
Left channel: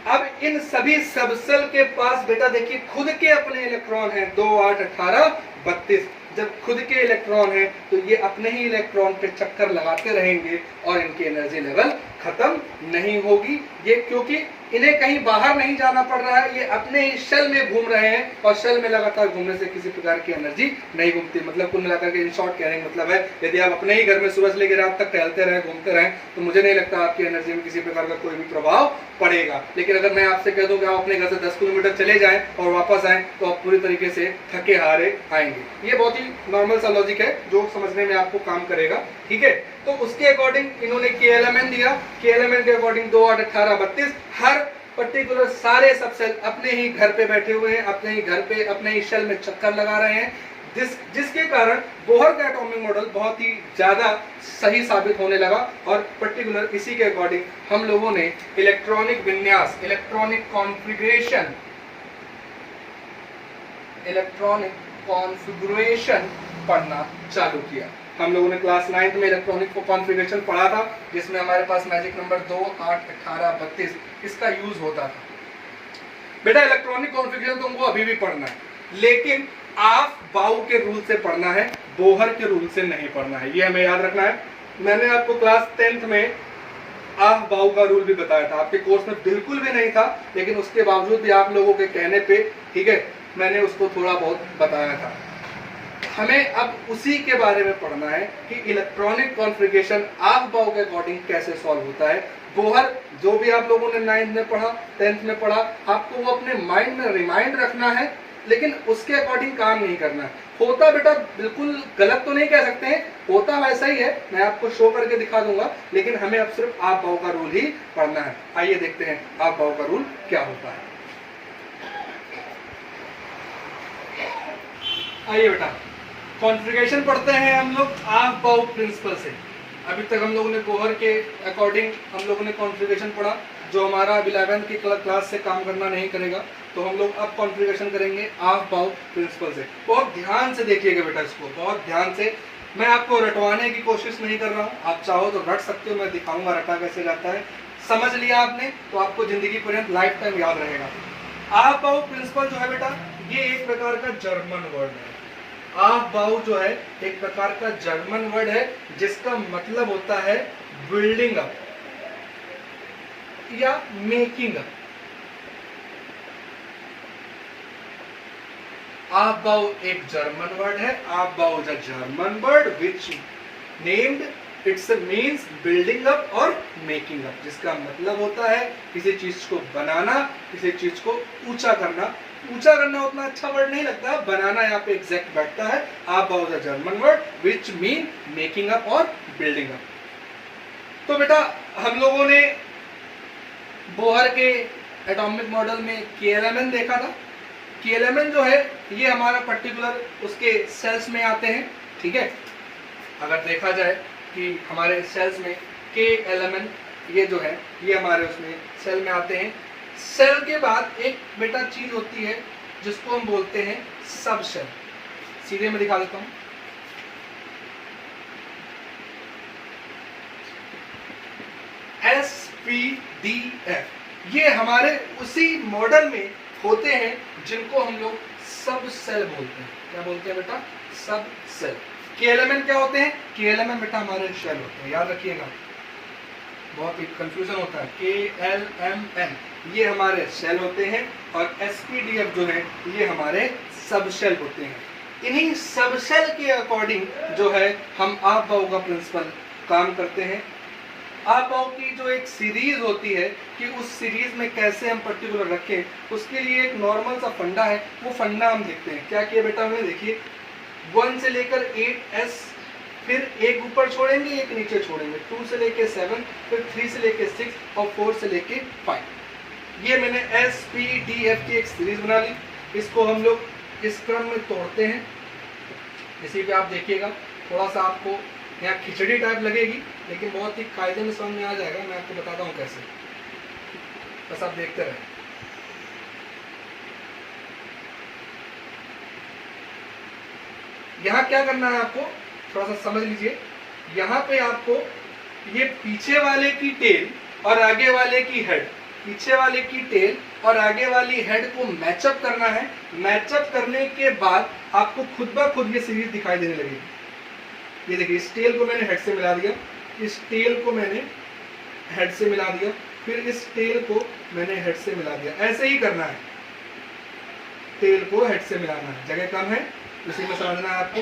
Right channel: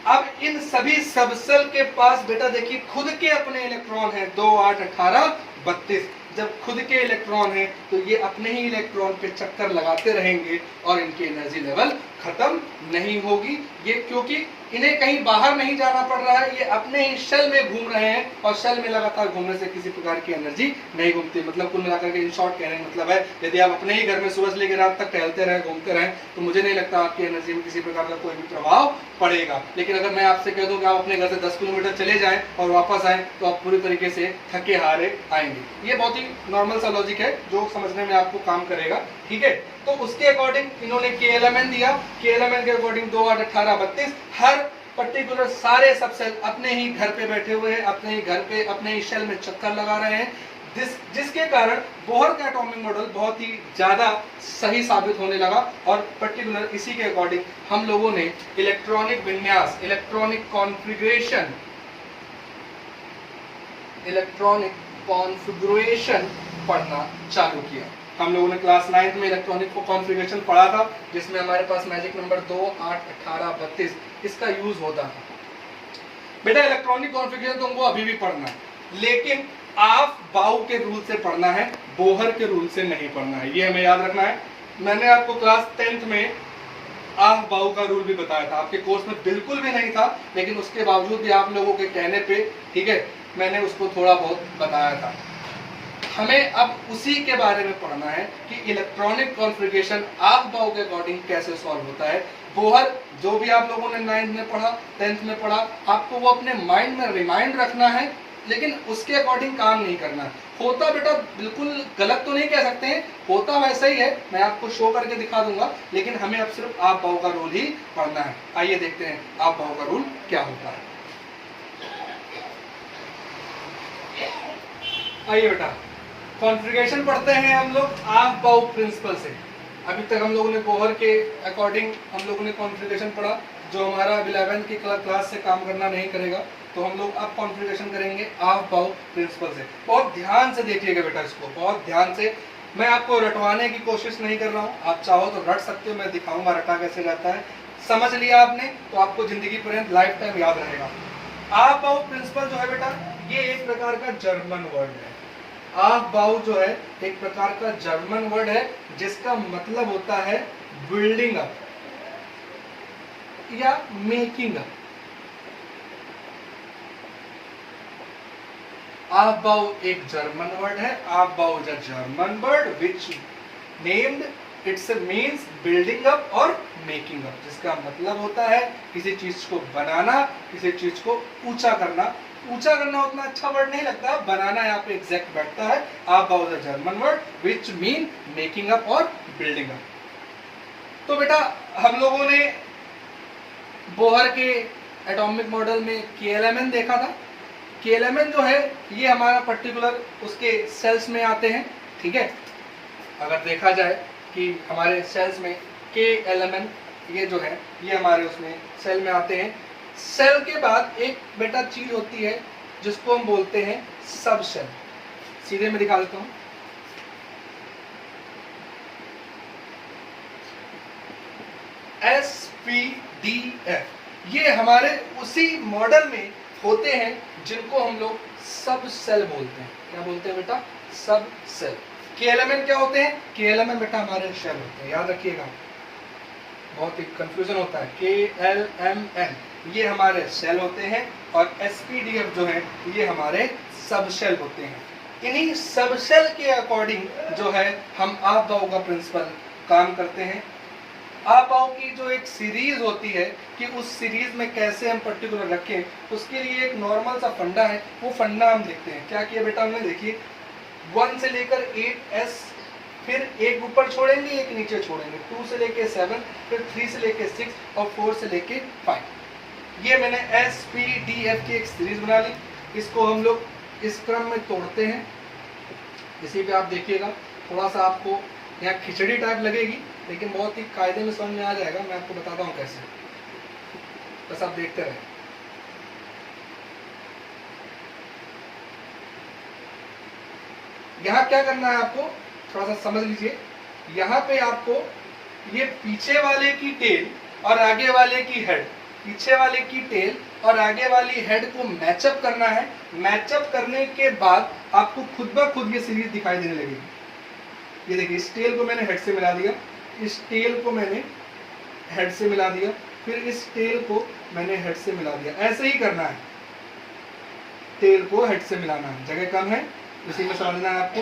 अब इन सभी सबसेल के पास बेटा देखिए खुद के अपने इलेक्ट्रॉन हैं 2, 8, 18, 32। जब खुद के इलेक्ट्रॉन हैं तो ये अपने ही इलेक्ट्रॉन पे चक्कर लगाते रहेंगे और इनकी एनर्जी लेवल खत्म नहीं होगी। ये क्योंकि इन्हें कहीं बाहर नहीं जाना पड़ रहा है, ये अपने ही शेल में घूम रहे हैं और शेल में लगातार घूमने से किसी प्रकार की एनर्जी नहीं घूमती। मतलब कुल मिलाकर के इन शॉर्ट कहने का मतलब है, यदि आप अपने ही घर में सुबह से लेकर रात तक टहलते रहे, घूमते रहे, तो मुझे नहीं लगता आपकी एनर्जी में किसी प्रकार का कोई भी प्रभाव पड़ेगा। लेकिन अगर मैं आपसे कह दूं कि आप अपने घर से 10 किलोमीटर चले जाएं और वापस आएं तो आप पूरी तरीके से थके हारे आएंगे। ये बहुत ही नॉर्मल सा लॉजिक है जो समझने में आपको काम करेगा, ठीक है। तो उसके अकॉर्डिंग इन्होंने KLMN दिया, KLMN के अकॉर्डिंग 2 8 18 32 हर पर्टिकुलर सारे सब सेल अपने ही घर पे बैठे हुए हैं, अपने ही घर पे अपने ही शेल में चक्कर लगा रहे हैं, जिसके कारण बोहर का एटॉमिक मॉडल बहुत ही ज्यादा सही साबित होने लगा। और पर्टिकुलर इसी के अकॉर्डिंग हम लोगों ने इलेक्ट्रॉनिक विन्यास, इलेक्ट्रॉनिक कॉन्फ़िगरेशन पढ़ना चालू किया। हम लोगों ने क्लास 9 में इलेक्ट्रॉनिक कॉन्फ़िगरेशन पढ़ा था, जिसमें हमारे पास मैजिक नंबर 2 8 18 32 इसका यूज होता था। बेटा इलेक्ट्रॉनिक कॉन्फ़िगरेशन तुमको अभी भी पढ़ना है, लेकिन आप बाउ के रूल से पढ़ना है, बोहर के रूल से नहीं पढ़ना है, ये हमें याद रखना है। मैंने आपको क्लास 10th में आफ बाउ का रूल भी बताया था, आपके कोर्स में बिल्कुल भी नहीं था, लेकिन उसके बावजूद भी आप लोगों के कहने पे, ठीक है, मैंने उसको थोड़ा बहुत बताया था। हमें अब उसी के बारे में पढ़ना है कि इलेक्ट्रॉनिक कॉन्फ़िगरेशन आफ बाउ के अकॉर्डिंग कैसे सॉल्व होता है। बोहर जो भी आप लोगों ने 9th में पढ़ा, 10th में पढ़ा, आपको वो अपने माइंड में रिमाइंड रखना है, लेकिन उसके अकॉर्डिंग काम नहीं करना है। होता बेटा बिल्कुल गलत तो नहीं कह सकते हैं, होता वैसा ही है, मैं आपको शो करके दिखा दूंगा, लेकिन हमें अब सिर्फ आप बाउ का रूल ही पढ़ना है। आइए देखते हैं आप बाउ का रूल क्या होता है। आइए बेटा कॉन्फ़िगरेशन पढ़ते हैं हम लोग आफ बाउ प्रिंसिपल से। अभी तक हम लोगों ने बोहर के अकॉर्डिंग हम लोगों ने कॉन्फ़िगरेशन पढ़ा, जो हमारा 11th की क्लास से काम करना नहीं करेगा, तो हम लोग अब कॉन्फ़िगरेशन करेंगे आफ बाउ प्रिंसिपल से। बहुत ध्यान से देखिएगा बेटा, इसको बहुत ध्यान से। मैं आपको रटवाने की कोशिश नहीं कर रहा हूँ, आप चाहो तो रट सकते हो, मैं दिखाऊंगा रटा कैसे जाता है। समझ लिया आपने तो आपको जिंदगी पर्यंत लाइफ टाइम याद रहेगा। आफ बाउ प्रिंसिपल जो है बेटा, ये एक प्रकार का जर्मन वर्ड है। आफ बाउ जो है एक प्रकार का जर्मन वर्ड है, जिसका मतलब होता है बिल्डिंग अप या मेकिंग अप। आफ बाउ एक जर्मन वर्ड है। आफ बाउ is a German word which named it's means building up और मेकिंग अप, जिसका मतलब होता है किसी चीज को बनाना, किसी चीज को ऊंचा करना। ऊंचा करना उतना अच्छा वर्ड नहीं लगता, बनाना यहाँ पे एग्जैक्ट बैठता है। आफ बाउ is a German word which mean making up और बिल्डिंग अप। तो बेटा हम लोगों ने बोहर के एटॉमिक मॉडल में KLMN देखा था। KLMN जो है ये हमारा पर्टिकुलर उसके सेल्स में आते हैं, ठीक है। अगर देखा जाए कि हमारे सेल्स में KLMN ये जो है ये हमारे उसमें सेल में आते हैं। सेल के बाद एक बेटा चीज होती है जिसको हम बोलते हैं सब सेल। सीधे में दिखा देता हूं, SPDF, ये हमारे उसी मॉडल में होते हैं जिनको हम लोग सब सेल बोलते हैं। क्या बोलते हैं बेटा? सब सेल। KLMN क्या होते हैं? KLMN बेटा हमारे शेल होते हैं, याद रखिएगा, बहुत ही कंफ्यूजन होता है। KLMN ये हमारे सेल होते हैं और SPDF जो है ये हमारे सब सेल होते हैं। इन्हीं सब सेल के अकॉर्डिंग जो है हम आफ बाउ का प्रिंसिपल काम करते हैं। आफ बाउ की जो एक सीरीज होती है कि उस सीरीज में कैसे हम पर्टिकुलर रखें, उसके लिए एक नॉर्मल सा फंडा है, वो फंडा हम देखते हैं। क्या किया बेटा हमने, देखिए 1 से लेकर 8S, फिर एक ऊपर छोड़ेंगे एक नीचे छोड़ेंगे, 2 से लेके 7, फिर 3 से लेके 6 और 4 से लेके 5। ये मैंने SPDF की एक सीरीज बना ली। इसको हम लोग इस क्रम में तोड़ते हैं। इसी पे आप देखिएगा, थोड़ा सा आपको यहाँ खिचड़ी टाइप लगेगी, लेकिन बहुत ही कायदे में समझ में आ जाएगा। मैं आपको बताता हूँ कैसे, बस आप देखते रहें। यहाँ क्या करना है आपको, थोड़ा सा समझ लीजिए। यहाँ पे आपको ये पीछे वाले की टेल और आगे वाले की हेड, पीछे वाले की टेल और आगे वाली हेड को मैचअप करना है। मैचअप करने के बाद आपको खुद ब खुद ये सीरीज दिखाई देने लगेगी। ये देखिए, इस टेल को मैंने हेड से मिला दिया, इस टेल को मैंने हेड से मिला दिया, फिर इस टेल को मैंने हेड से मिला दिया। ऐसे ही करना है, टेल को हेड से मिलाना है। जगह कम है, इसी में समझना है आपको,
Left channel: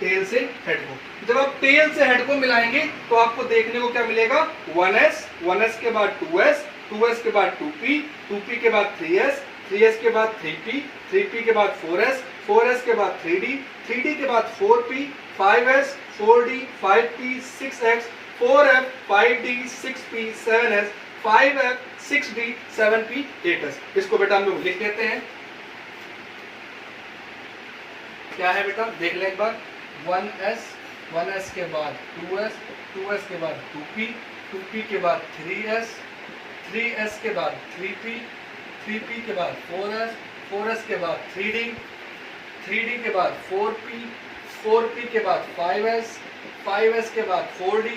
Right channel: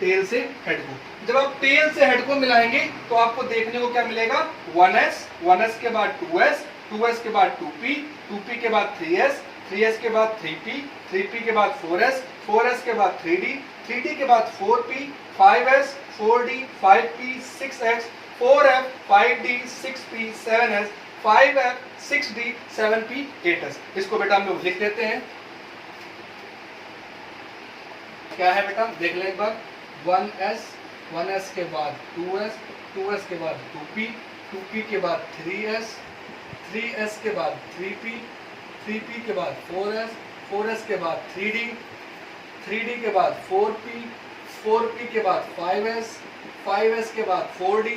टेल से हेड को। जब आप टेल से हेड को मिलाएंगे तो आपको देखने को क्या मिलेगा, 1S, 1S के बाद 2S, 2S के बाद 2P, 2P के बाद 3S, 3s के बाद 3p, 3p के बाद 4s, 4s के बाद 3d, 3d के बाद 4p, 5s, 4d, 5p, 6x, 4f, 5d, 6p, 7s, 5f, 6d, 7p, 8s। इसको बेटा हम लोग लिख देते हैं। क्या है बेटा, देख लें एक बार। 1s, 1s के बाद 2s, 2s के बाद 2p, 2p के बाद 3s, 3s के बाद 3p, 3p के बाद 4s, 4s के बाद 3d, 3d के बाद 4p, 4p के बाद 5s, 5s के बाद 4d,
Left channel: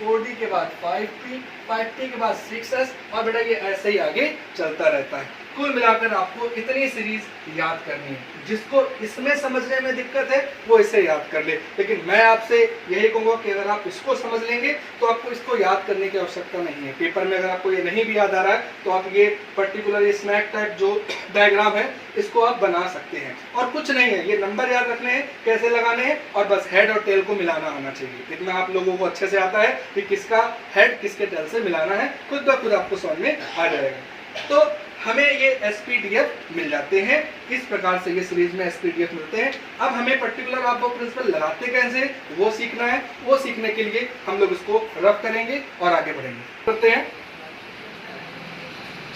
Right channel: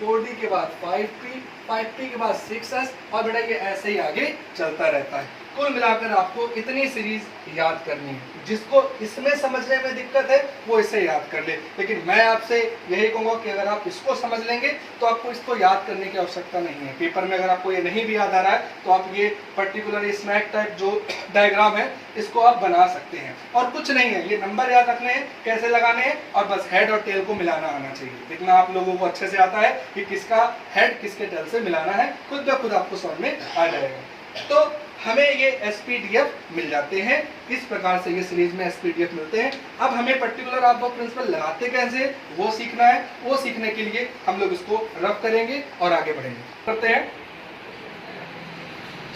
4d के बाद 5p, 5p के बाद 6s, और बेटा ये ऐसे ही आगे चलता रहता है। कुल मिलाकर आपको इतनी सीरीज याद करनी है। जिसको इसमें समझने में दिक्कत है वो इसे याद कर ले, लेकिन मैं आपसे यही कहूंगा कि अगर आप इसको समझ लेंगे तो आपको इसको याद करने की आवश्यकता नहीं है। पेपर में अगर आपको ये नहीं भी याद आ रहा है तो आप ये पर्टिकुलर ये स्नैक टाइप जो डायग्राम है इसको आप बना सकते हैं। और कुछ नहीं है, ये नंबर याद रखने हैं, कैसे लगाने हैं, और बस हेड और टेल को मिलाना आना चाहिए। इतना आप लोगों को अच्छे से आता है कि किसका हेड किसके टेल से मिलाना है, खुद ब खुद आपको समझ में आ जाएगा। तो हमें ये SPDF मिल जाते हैं। इस प्रकार से ये सीरीज में SPDF मिलते हैं। अब हमें पर्टिकुलर आर्क प्रिंसिपल लगाते कैसे वो सीखना है। वो सीखने के लिए हम लोग इसको रफ करेंगे और आगे बढ़ेंगे। करते हैं,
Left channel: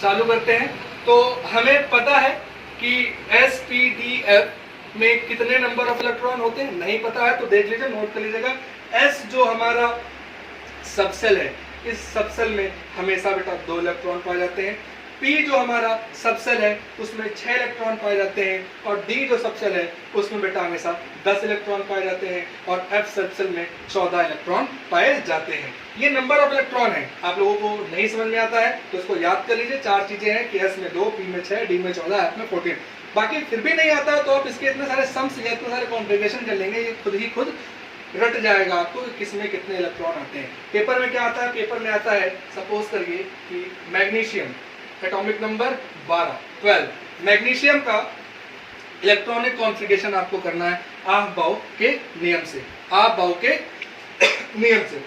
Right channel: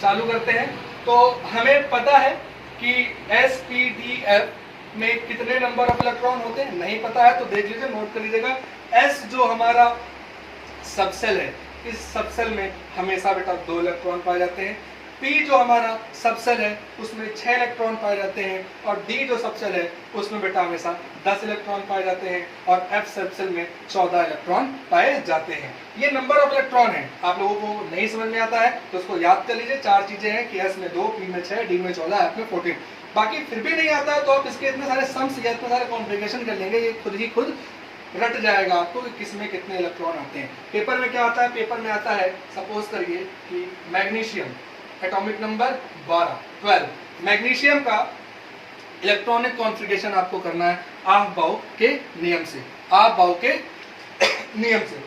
चालू करते हैं। तो हमें पता है कि SPDF में कितने नंबर ऑफ इलेक्ट्रॉन होते हैं, नहीं पता है तो देख लीजिए, नोट कर लीजिएगा। S जो हमारा सबसेल है, इस सबसेल में हमेशा बेटा 2 इलेक्ट्रॉन पाए जाते हैं। P जो हमारा सबसेल है उसमें 6 इलेक्ट्रॉन पाए जाते हैं, और D जो सबसेल है उसमें बेटा हमेशा 10 इलेक्ट्रॉन पाए जाते हैं, और F सबसेल में 14 इलेक्ट्रॉन पाए जाते हैं। ये नंबर ऑफ इलेक्ट्रॉन है। आप लोगों को नहीं समझ में आता है तो उसको याद कर लीजिए। 4 चीजें हैं कि S में 2, P में 6, D में 14, F में 14। बाकी फिर भी नहीं आता है तो आप इसके इतने सारे सम्स या इतने सारे कॉन्फ़िगरेशन कर लेंगे, ये खुद ही खुद रट जाएगा आपको कि किसमें कितने इलेक्ट्रॉन आते हैं। पेपर में क्या आता है, पेपर में आता है सपोज करिए कि मैग्नीशियम एटॉमिक नंबर 12 मैग्नीशियम का इलेक्ट्रॉनिक कॉन्फ़िगरेशन आपको करना है आफ-बाउ के नियम से। आफ-बाउ के नियम से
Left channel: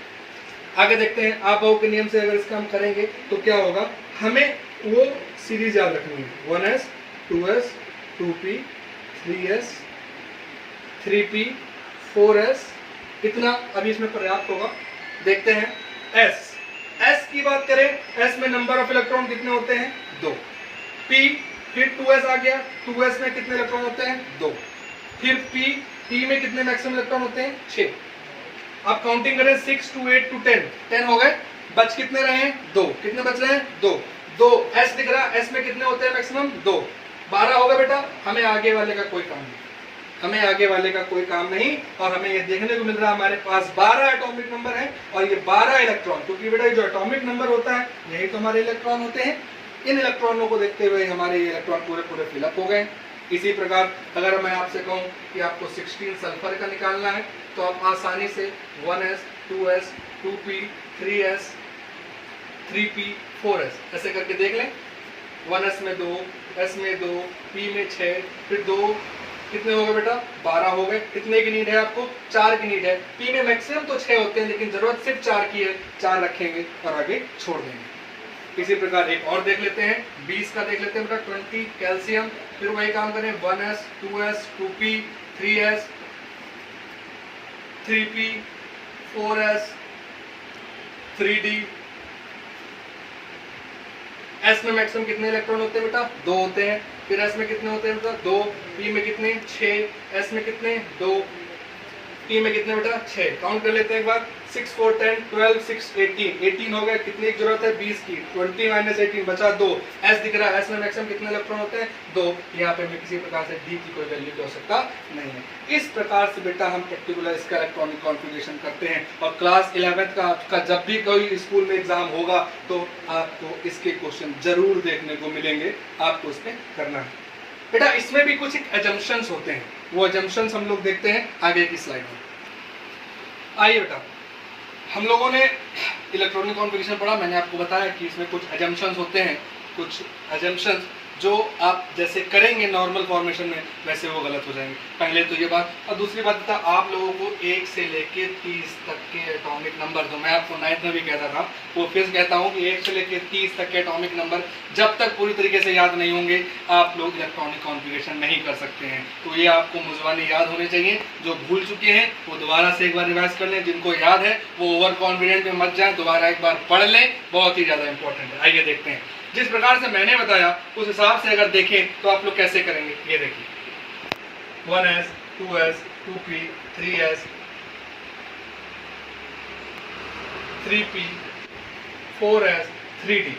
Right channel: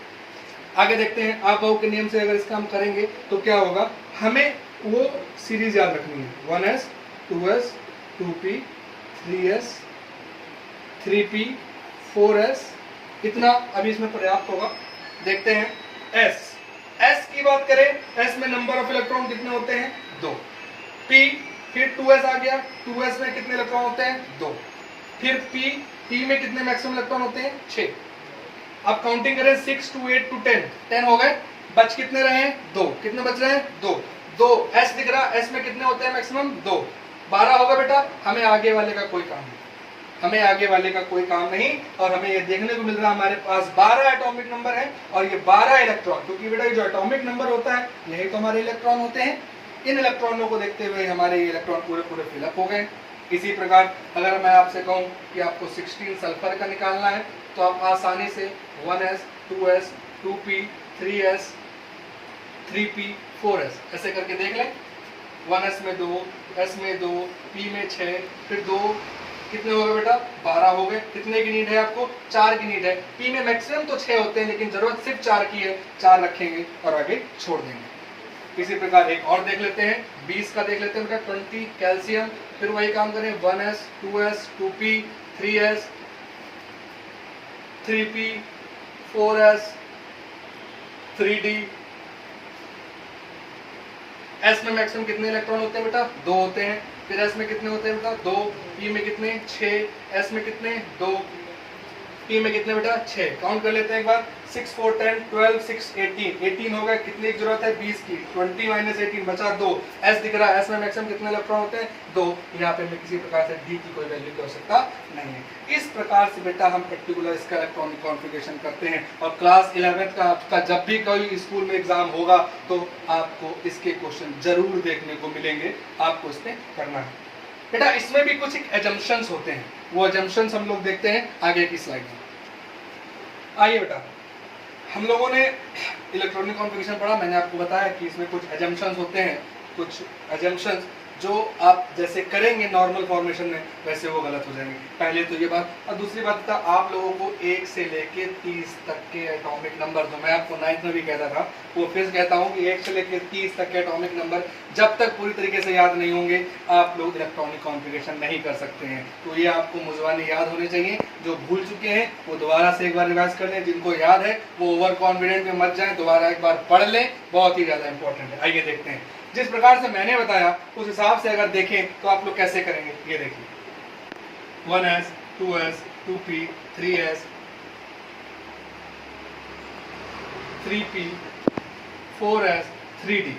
आगे देखते हैं। आफ-बाउ के नियम से अगर इसका हम करेंगे तो क्या होगा, हमें वो सीरीज याद रखनी है। 1s, 2s, 2p, 3s, 3p, 4s, इतना अभी इसमें पर्याप्त होगा। देखते हैं S की बात करें, S में नंबर ऑफ इलेक्ट्रॉन कितने होते हैं, 2। P, फिर 2s आ गया, 2s में कितने इलेक्ट्रॉन होते हैं, 2। फिर P में कितने मैक्सिमम इलेक्ट्रॉन होते हैं, 6। अब काउंटिंग करें 6 to 8 to 10 हो गए। बच कितने रहे हैं, 2। कितने बच रहे हैं, 2। S दिख रहा है, S में कितने होते हैं मैक्सिमम, 2। 12 होगा बेटा। हमें आगे वाले का कोई काम नहीं, हमें आगे वाले का कोई काम नहीं। और हमें ये देखने को मिल रहा है हमारे पास 12 एटॉमिक नंबर है और ये 12 इलेक्ट्रॉन, क्योंकि बेटा जो एटॉमिक नंबर होता है यही तो हमारे इलेक्ट्रॉन होते हैं। इन इलेक्ट्रॉनों को देखते हुए हमारे ये इलेक्ट्रॉन पूरे फिलअप हो गए। इसी प्रकार अगर मैं आपसे कहूं कि आपको 16 सल्फर का निकालना है तो आप आसानी से 1s, 2s, 2p, 3s, 3p, 4s ऐसे करके देख लें। 1s में 2, s में 2, p में 6, फिर 2, कितने हो गए बेटा, 12 हो गए। कितने की नीड है आपको, 4 की नीड है। P में मैक्सिमम तो 6 होते हैं लेकिन जरूरत सिर्फ 4 की है, 4 रखेंगे और आगे छोड़ देंगे। इसी प्रकार एक और देख लेते हैं, 20 का देख लेते हैं बेटा, 20 कैल्शियम। फिर वही काम करें, 1s, 2s, 2p, 3s, 3p, 4s, 3d। S में मैक्सिमम कितने इलेक्ट्रॉन होते हैं बेटा, 2 होते हैं। फिर S में कितने होते हैं बेटा, 2। P में कितने, 6। S में कितने, 2। P में कितने बेटा, 6। काउंट कर लेते हैं एक बार, 6 4 10 12 6 18 हो गए। कितने की जरूरत है, 20 की। 20 माइनस 18 बचा 2। S दिख रहा है, S में मैक्सिमम कितने इलेक्ट्रॉन होते हैं, 2। यहाँ पे मैं किसी प्रकार से D की कोई वैल्यू की आवश्यकता नहीं है। इस प्रकार से बेटा हम पर्टिकुलर इसका इलेक्ट्रॉनिक कॉन्फ़िगरेशन करते हैं। और क्लास 11th का जब भी कोई स्कूल में एग्जाम होगा तो आपको इसके क्वेश्चन जरूर देखने को मिलेंगे, आपको इसमें करना है बेटा। इसमें भी कुछ एजम्पशंस होते हैं, वो एजम्पशंस हम लोग देखते हैं आगे की स्लाइड में। आइए बेटा, हम लोगों ने इलेक्ट्रॉनिक कॉन्फ़िगरेशन पढ़ा। मैंने आपको बताया कि इसमें कुछ एजम्पशंस होते हैं, कुछ एजम्पशंस जो आप जैसे करेंगे नॉर्मल फॉर्मेशन में वैसे वो गलत हो जाएंगे। पहले तो ये बात। और दूसरी बात था, आप लोगों को 1 से लेके 30 तक के एटॉमिक नंबर, जो मैं आपको 9th में भी कहता था, वो फिर कहता हूँ कि 1 से लेके 30 तक के एटॉमिक नंबर जब तक पूरी तरीके से याद नहीं होंगे आप लोग इलेक्ट्रॉनिक कॉन्फ़िगरेशन नहीं कर सकते हैं। तो ये आपको मुझवाने याद होने चाहिए। जो भूल चुके हैं वो दोबारा से एक बार रिवाइज कर लें, जिनको याद है वो ओवर कॉन्फिडेंट में मत जाएं, दोबारा एक बार पढ़ लें, बहुत ही ज़्यादा इंपॉर्टेंट है। आइए देखते हैं, जिस प्रकार से मैंने बताया उस हिसाब से अगर देखें तो आप लोग कैसे करेंगे। ये देखिए 1s 2s 2p 3s 3p 4s 3d।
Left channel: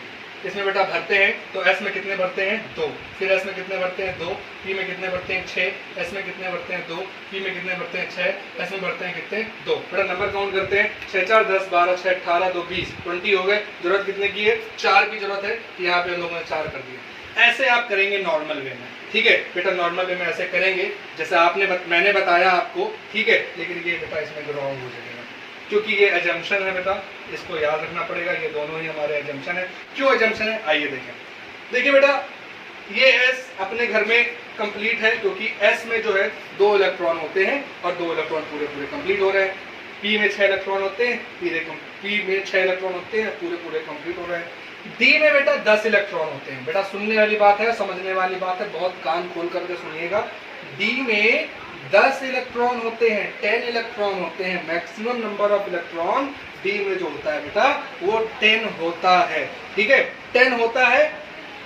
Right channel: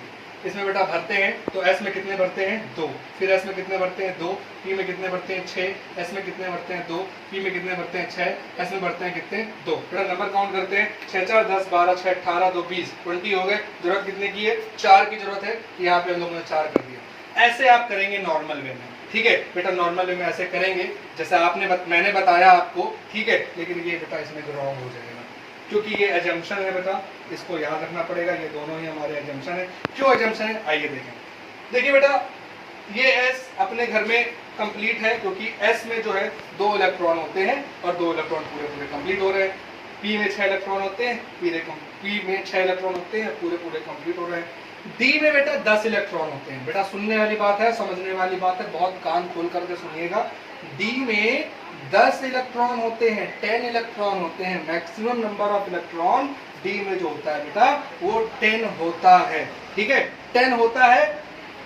इसमें बेटा भरते हैं तो s में कितने भरते हैं 2, फिर s में कितने भरते हैं 2, p में कितने भरते हैं 6, s में कितने भरते हैं 2, p में कितने भरते हैं 6, s में भरते हैं कितने 2। बेटा नंबर काउंट करते हैं, 6 4 10 12 6 18 2 20 20 हो गए। जरूरत कितने की है 4 की जरूरत है, यहाँ पे हम लोगों ने 4 कर दिया। ऐसे आप करेंगे नॉर्मल वे में, ठीक है बेटा, नॉर्मल वे में ऐसे करेंगे जैसा मैंने बताया आपको, ठीक है। लेकिन ये बेटा इसमें रॉन्ग हो जाएगा क्योंकि ये एजम्पशन है बेटा, इसको याद रखना पड़ेगा। ये दोनों ही हमारे एजम्पशन है। क्यों एजम्पशन है आइए देखें। देखिए बेटा, ये S अपने घर में कंप्लीट है क्योंकि S में जो है 2 इलेक्ट्रॉन होते हैं और 2 इलेक्ट्रॉन पूरे पूरे कंप्लीट हो रहे हैं। P में 6 इलेक्ट्रॉन होते हैं, P में 6 इलेक्ट्रॉन होते हैं, पूरे पूरे कंप्लीट हो रहे हैं। D में बेटा 10 इलेक्ट्रॉन होते हैं। बेटा सुनने वाली बात है, समझने वाली बात है, बहुत कान खोल करके सुनिएगा। D में 10 इलेक्ट्रॉन होते हैं, 10 इलेक्ट्रॉन होते हैं। Maximum number of electron D में जो होता है बेटा वो 10 होता है, ठीक है 10 होता है।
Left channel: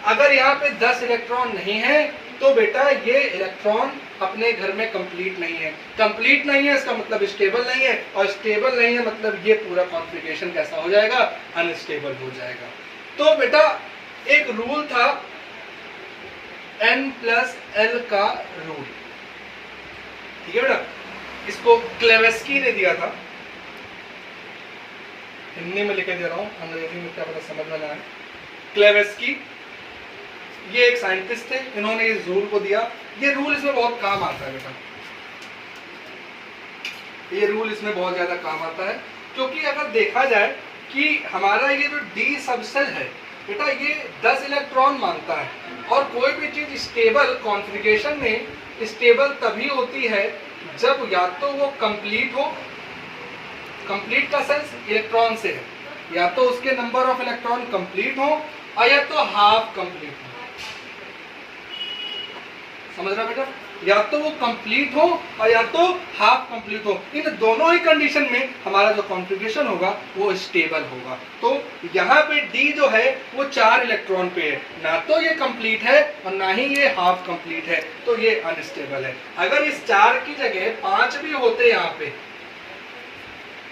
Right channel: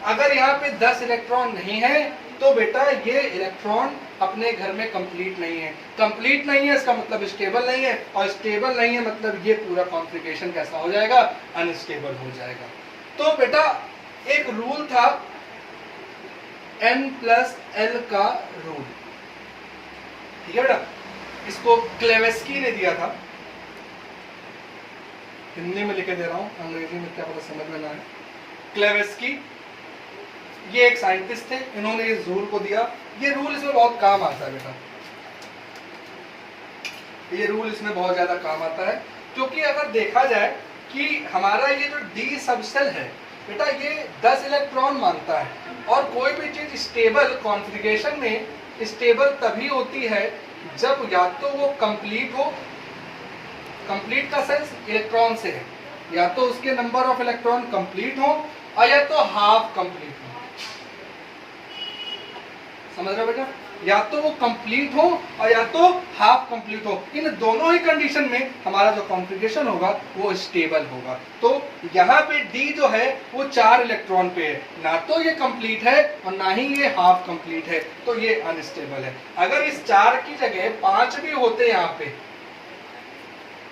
अगर यहाँ पे 10 इलेक्ट्रॉन नहीं है तो बेटा ये इलेक्ट्रॉन अपने घर में कंप्लीट नहीं है। कंप्लीट नहीं है इसका मतलब स्टेबल नहीं है, और स्टेबल नहीं है मतलब ये पूरा कॉन्फ़िगरेशन कैसा हो जाएगा, अनस्टेबल हो जाएगा। तो बेटा एक रूल था N+L का रूल, ठीक है बेटा, इसको क्लेवेस्की ने दिया था। हिंदी में लिखे दे रहा हूं, अंग्रेजी में क्या पता समझ में ना आए। क्लेवेस्की ये एक साइंटिस्ट थे, इन्होंने इस रूल को दिया। ये रूल इसमें बहुत काम आता है बेटा, ये रूल इसमें बहुत ज्यादा काम आता है क्योंकि अगर देखा जाए कि हमारा ये जो डी सबसेल है बेटा ये 10 इलेक्ट्रॉन मांगता है, और कोई भी चीज स्टेबल कॉन्फ़िगरेशन में स्टेबल तभी होती है जब या तो वो कंप्लीट हो, कंप्लीट का सेंस इलेक्ट्रॉन से है, या तो उसके नंबर ऑफ इलेक्ट्रॉन कंप्लीट हो और या तो हाफ कंप्लीट हो। समझ रहा बेटा, या तो वो कंप्लीट हो और या तो हाफ कंप्लीट हो। इन दोनों ही कंडीशन में हमारा जो कॉन्फ़िगरेशन होगा वो स्टेबल होगा। तो यहाँ पे डी जो है वो 4 इलेक्ट्रॉन पे है, ना तो ये कंप्लीट है और ना ही ये हाफ कंप्लीट है, तो ये अनस्टेबल है। अगर इस 4 की जगह 5 भी होते यहाँ पे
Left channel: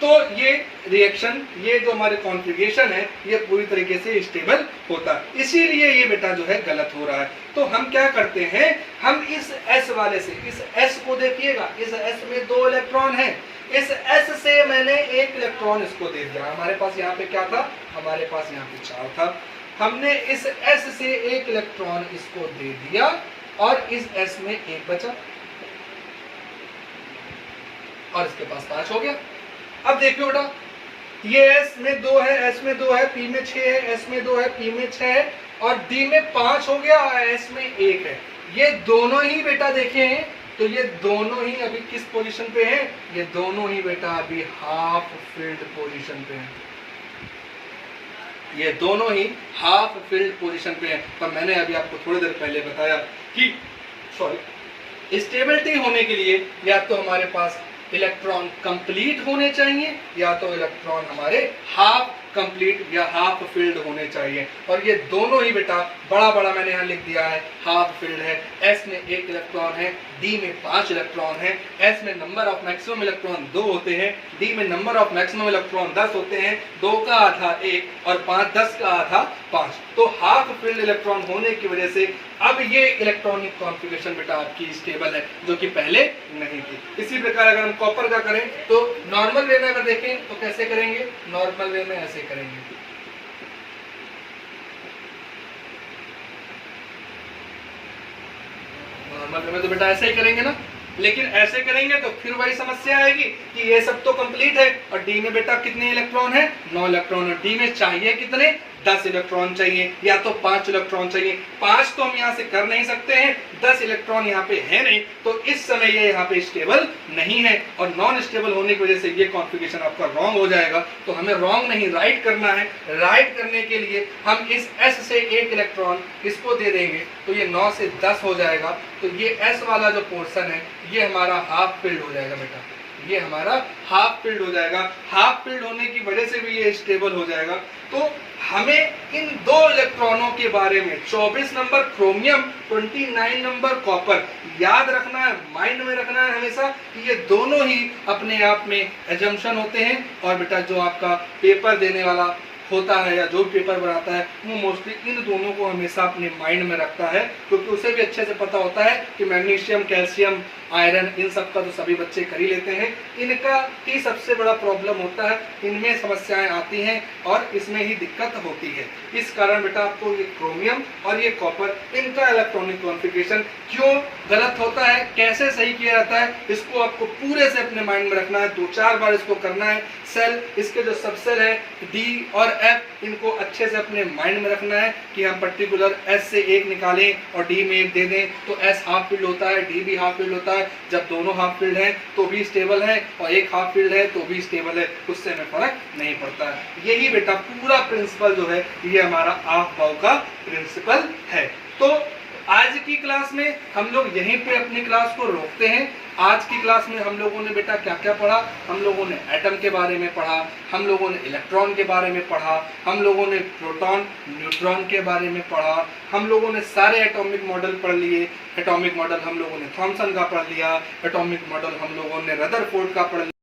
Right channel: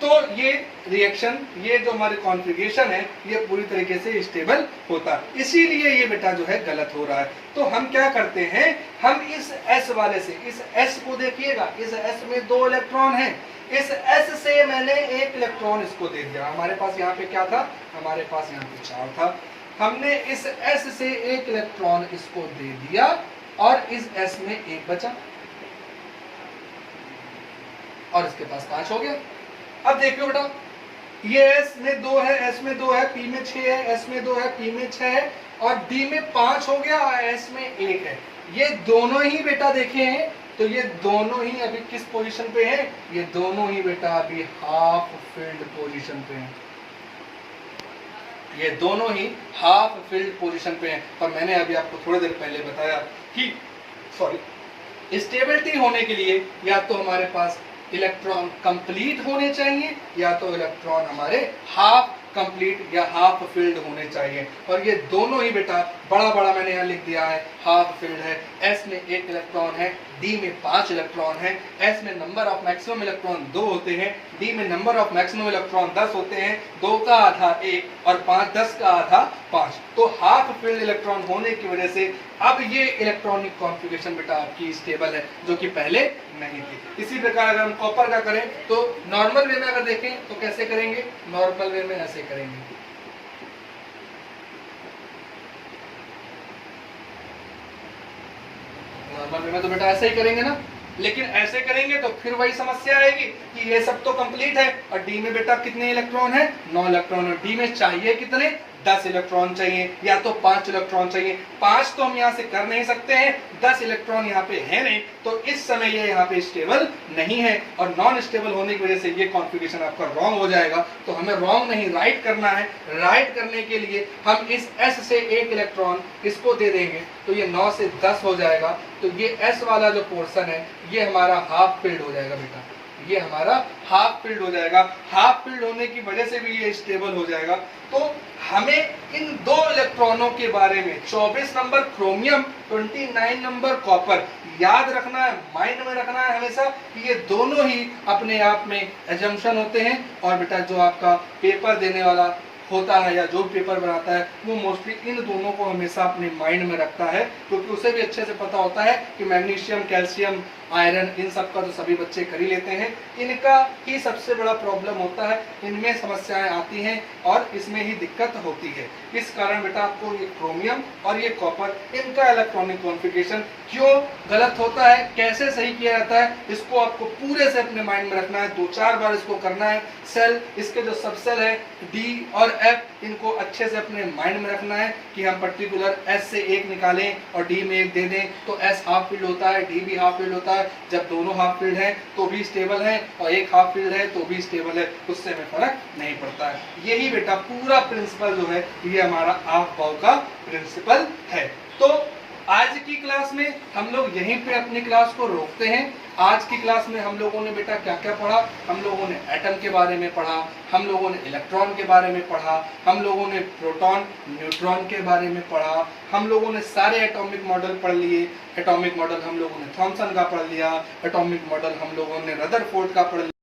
तो ये रिएक्शन, ये जो हमारे कॉन्फ़िगरेशन है ये पूरी तरीके से स्टेबल होता है। इसीलिए ये बेटा जो है गलत हो रहा है। तो हम क्या करते हैं, हम इस S वाले से, इस S को देखिएगा, इस S में 2 इलेक्ट्रॉन है, इस S से मैंने 1 इलेक्ट्रॉन इसको दे दिया। हमारे पास यहाँ पे क्या था, हमारे पास यहाँ पे 4 था, हमने इस S से 1 इलेक्ट्रॉन इसको दे दिया और इस S में 1 बचा और इसके पास 5 हो गया। अब देखियो बेटा, ये S में 2 है, S में 2 है, P में 6 है, S में 2 है, P में 6 है और D में 5 हो गया और S में 1 है। ये दोनों ही बेटा देखे हैं तो ये दोनों ही अभी किस पोजीशन पे हैं, ये दोनों ही बेटा अभी हाफ फिल्ड पोजीशन पे हैं। ये दोनों ही हाफ फिल्ड पोजीशन पे हैं। तो मैंने अभी आपको थोड़ी देर पहले बताया कि स्टेबिलिटी होने के लिए या तो हमारे पास इलेक्ट्रॉन कंप्लीट होने चाहिए या तो इलेक्ट्रॉन हमारे हाफ कंप्लीट या हाफ फिल्ड होने चाहिए, और ये दोनों ही बेटा बड़ा बड़ा मैंने यहाँ लिख दिया है, हाफ फिल्ड है। S में 1 इलेक्ट्रॉन है, D में 5 इलेक्ट्रॉन है, S में नंबर ऑफ मैक्सिमम इलेक्ट्रॉन 2 होते हैं, D में नंबर ऑफ मैक्सिमम इलेक्ट्रॉन 10 होते हैं, 2 का आधा 1 और 5 10 का आधा 5। तो हाफ फिल्ड इलेक्ट्रॉन होने की वजह से अब ये इलेक्ट्रॉनिक कॉन्फ़िगरेशन बेटा आपकी स्टेबल है, जो कि पहले नहीं थी। इसी प्रकार अगर हम कॉपर का करें तो नॉर्मल वे में अगर देखें तो कैसे करेंगे, नॉर्मल वे में ऐसे करेंगे, नॉर्मल वे में तो बेटा ऐसे ही करेंगे ना, लेकिन ऐसे करेंगे तो फिर वही समस्या आएगी कि ये सब तो कंप्लीट है और डी में बेटा कितने इलेक्ट्रॉन है, 9 इलेक्ट्रॉन है, डी में चाहिए कितने 10 इलेक्ट्रॉन चाहिए या तो 5 इलेक्ट्रॉन चाहिए। 5 तो हम यहाँ से कर नहीं सकते हैं, 10 इलेक्ट्रॉन यहाँ पे है नहीं, तो इस समय ये यहाँ पे स्टेबल नहीं है और नॉन स्टेबल होने की वजह से ये कॉन्फ़िगरेशन आपका रॉन्ग हो जाएगा। तो हमें रॉन्ग नहीं राइट करना है। राइट करने के लिए हम इस S से एक इलेक्ट्रॉन इसको दे देंगे तो ये 9 से 10 हो जाएगा। तो ये S वाला जो पोर्शन है ये हमारा हाफ फिल्ड हो जाएगा बेटा, ये हमारा हाफ फिल्ड हो जाएगा। हाफ फिल्ड होने की वजह से भी ये स्टेबल हो जाएगा। तो हमें इन दो इलेक्ट्रॉनों के बारे में 24 नंबर क्रोमियम, 29 नंबर कॉपर याद रखना है, माइंड में रखना है हमेशा कि ये दोनों ही अपने आप में एजम्पशन होते हैं। और बेटा जो आपका पेपर देने वाला होता है या जो पेपर बनाता है वो मोस्टली इन दोनों को हमेशा अपने माइंड में रखता है, क्योंकि उसे भी अच्छे से पता होता है कि मैग्नीशियम, कैल्शियम, आयरन इन सब का तो सभी बच्चे कर ही लेते हैं। इनका ही सबसे बड़ा प्रॉब्लम होता है, इनमें समस्याएं आती हैं और इसमें ही दिक्कत होती है। इस कारण बेटा आपको ये क्रोमियम और ये कॉपर, इनका इलेक्ट्रॉनिक कॉन्फ़िगरेशन क्यों गलत होता है, कैसे सही किया जाता है, इसको आपको पूरे से अपने माइंड में रखना है। 2-4 बार इसको करना है। सेल, इसके जो सब सेल है डी और एफ, इनको अच्छे से अपने माइंड में रखना है कि हम पर्टिकुलर एस से एक निकालें और डी में एक दे दें तो एस हाफ फील्ड होता है, डी भी हाफ फील्ड होता है। जब दोनों हाफ फील्ड हैं तो भी स्टेबल है और एक हाफ फील्ड है तो भी स्टेबल है, उससे हमें फर्क नहीं पड़ता है। यही बेटा पूरा प्रिंसिपल जो है ये हमारा ऑफ बाउ का प्रिंसिपल है। तो आज की क्लास में हम लोग यहीं पे अपनी क्लास को रोकते हैं। आज की क्लास में हम लोगों ने बेटा क्या क्या पढ़ा, हम लोगों ने एटम के बारे में पढ़ा, हम लोगों ने इलेक्ट्रॉन के बारे में पढ़ा, हम लोगों ने प्रोटॉन, न्यूट्रॉन के बारे में पढ़ा, हम लोगों ने सारे एटॉमिक मॉडल पढ़ लिए। एटॉमिक मॉडल हम लोगों ने थॉमसन का पढ़ लिया, एटॉमिक मॉडल हम लोगों ने रदरफोर्ड का पढ़ लिया।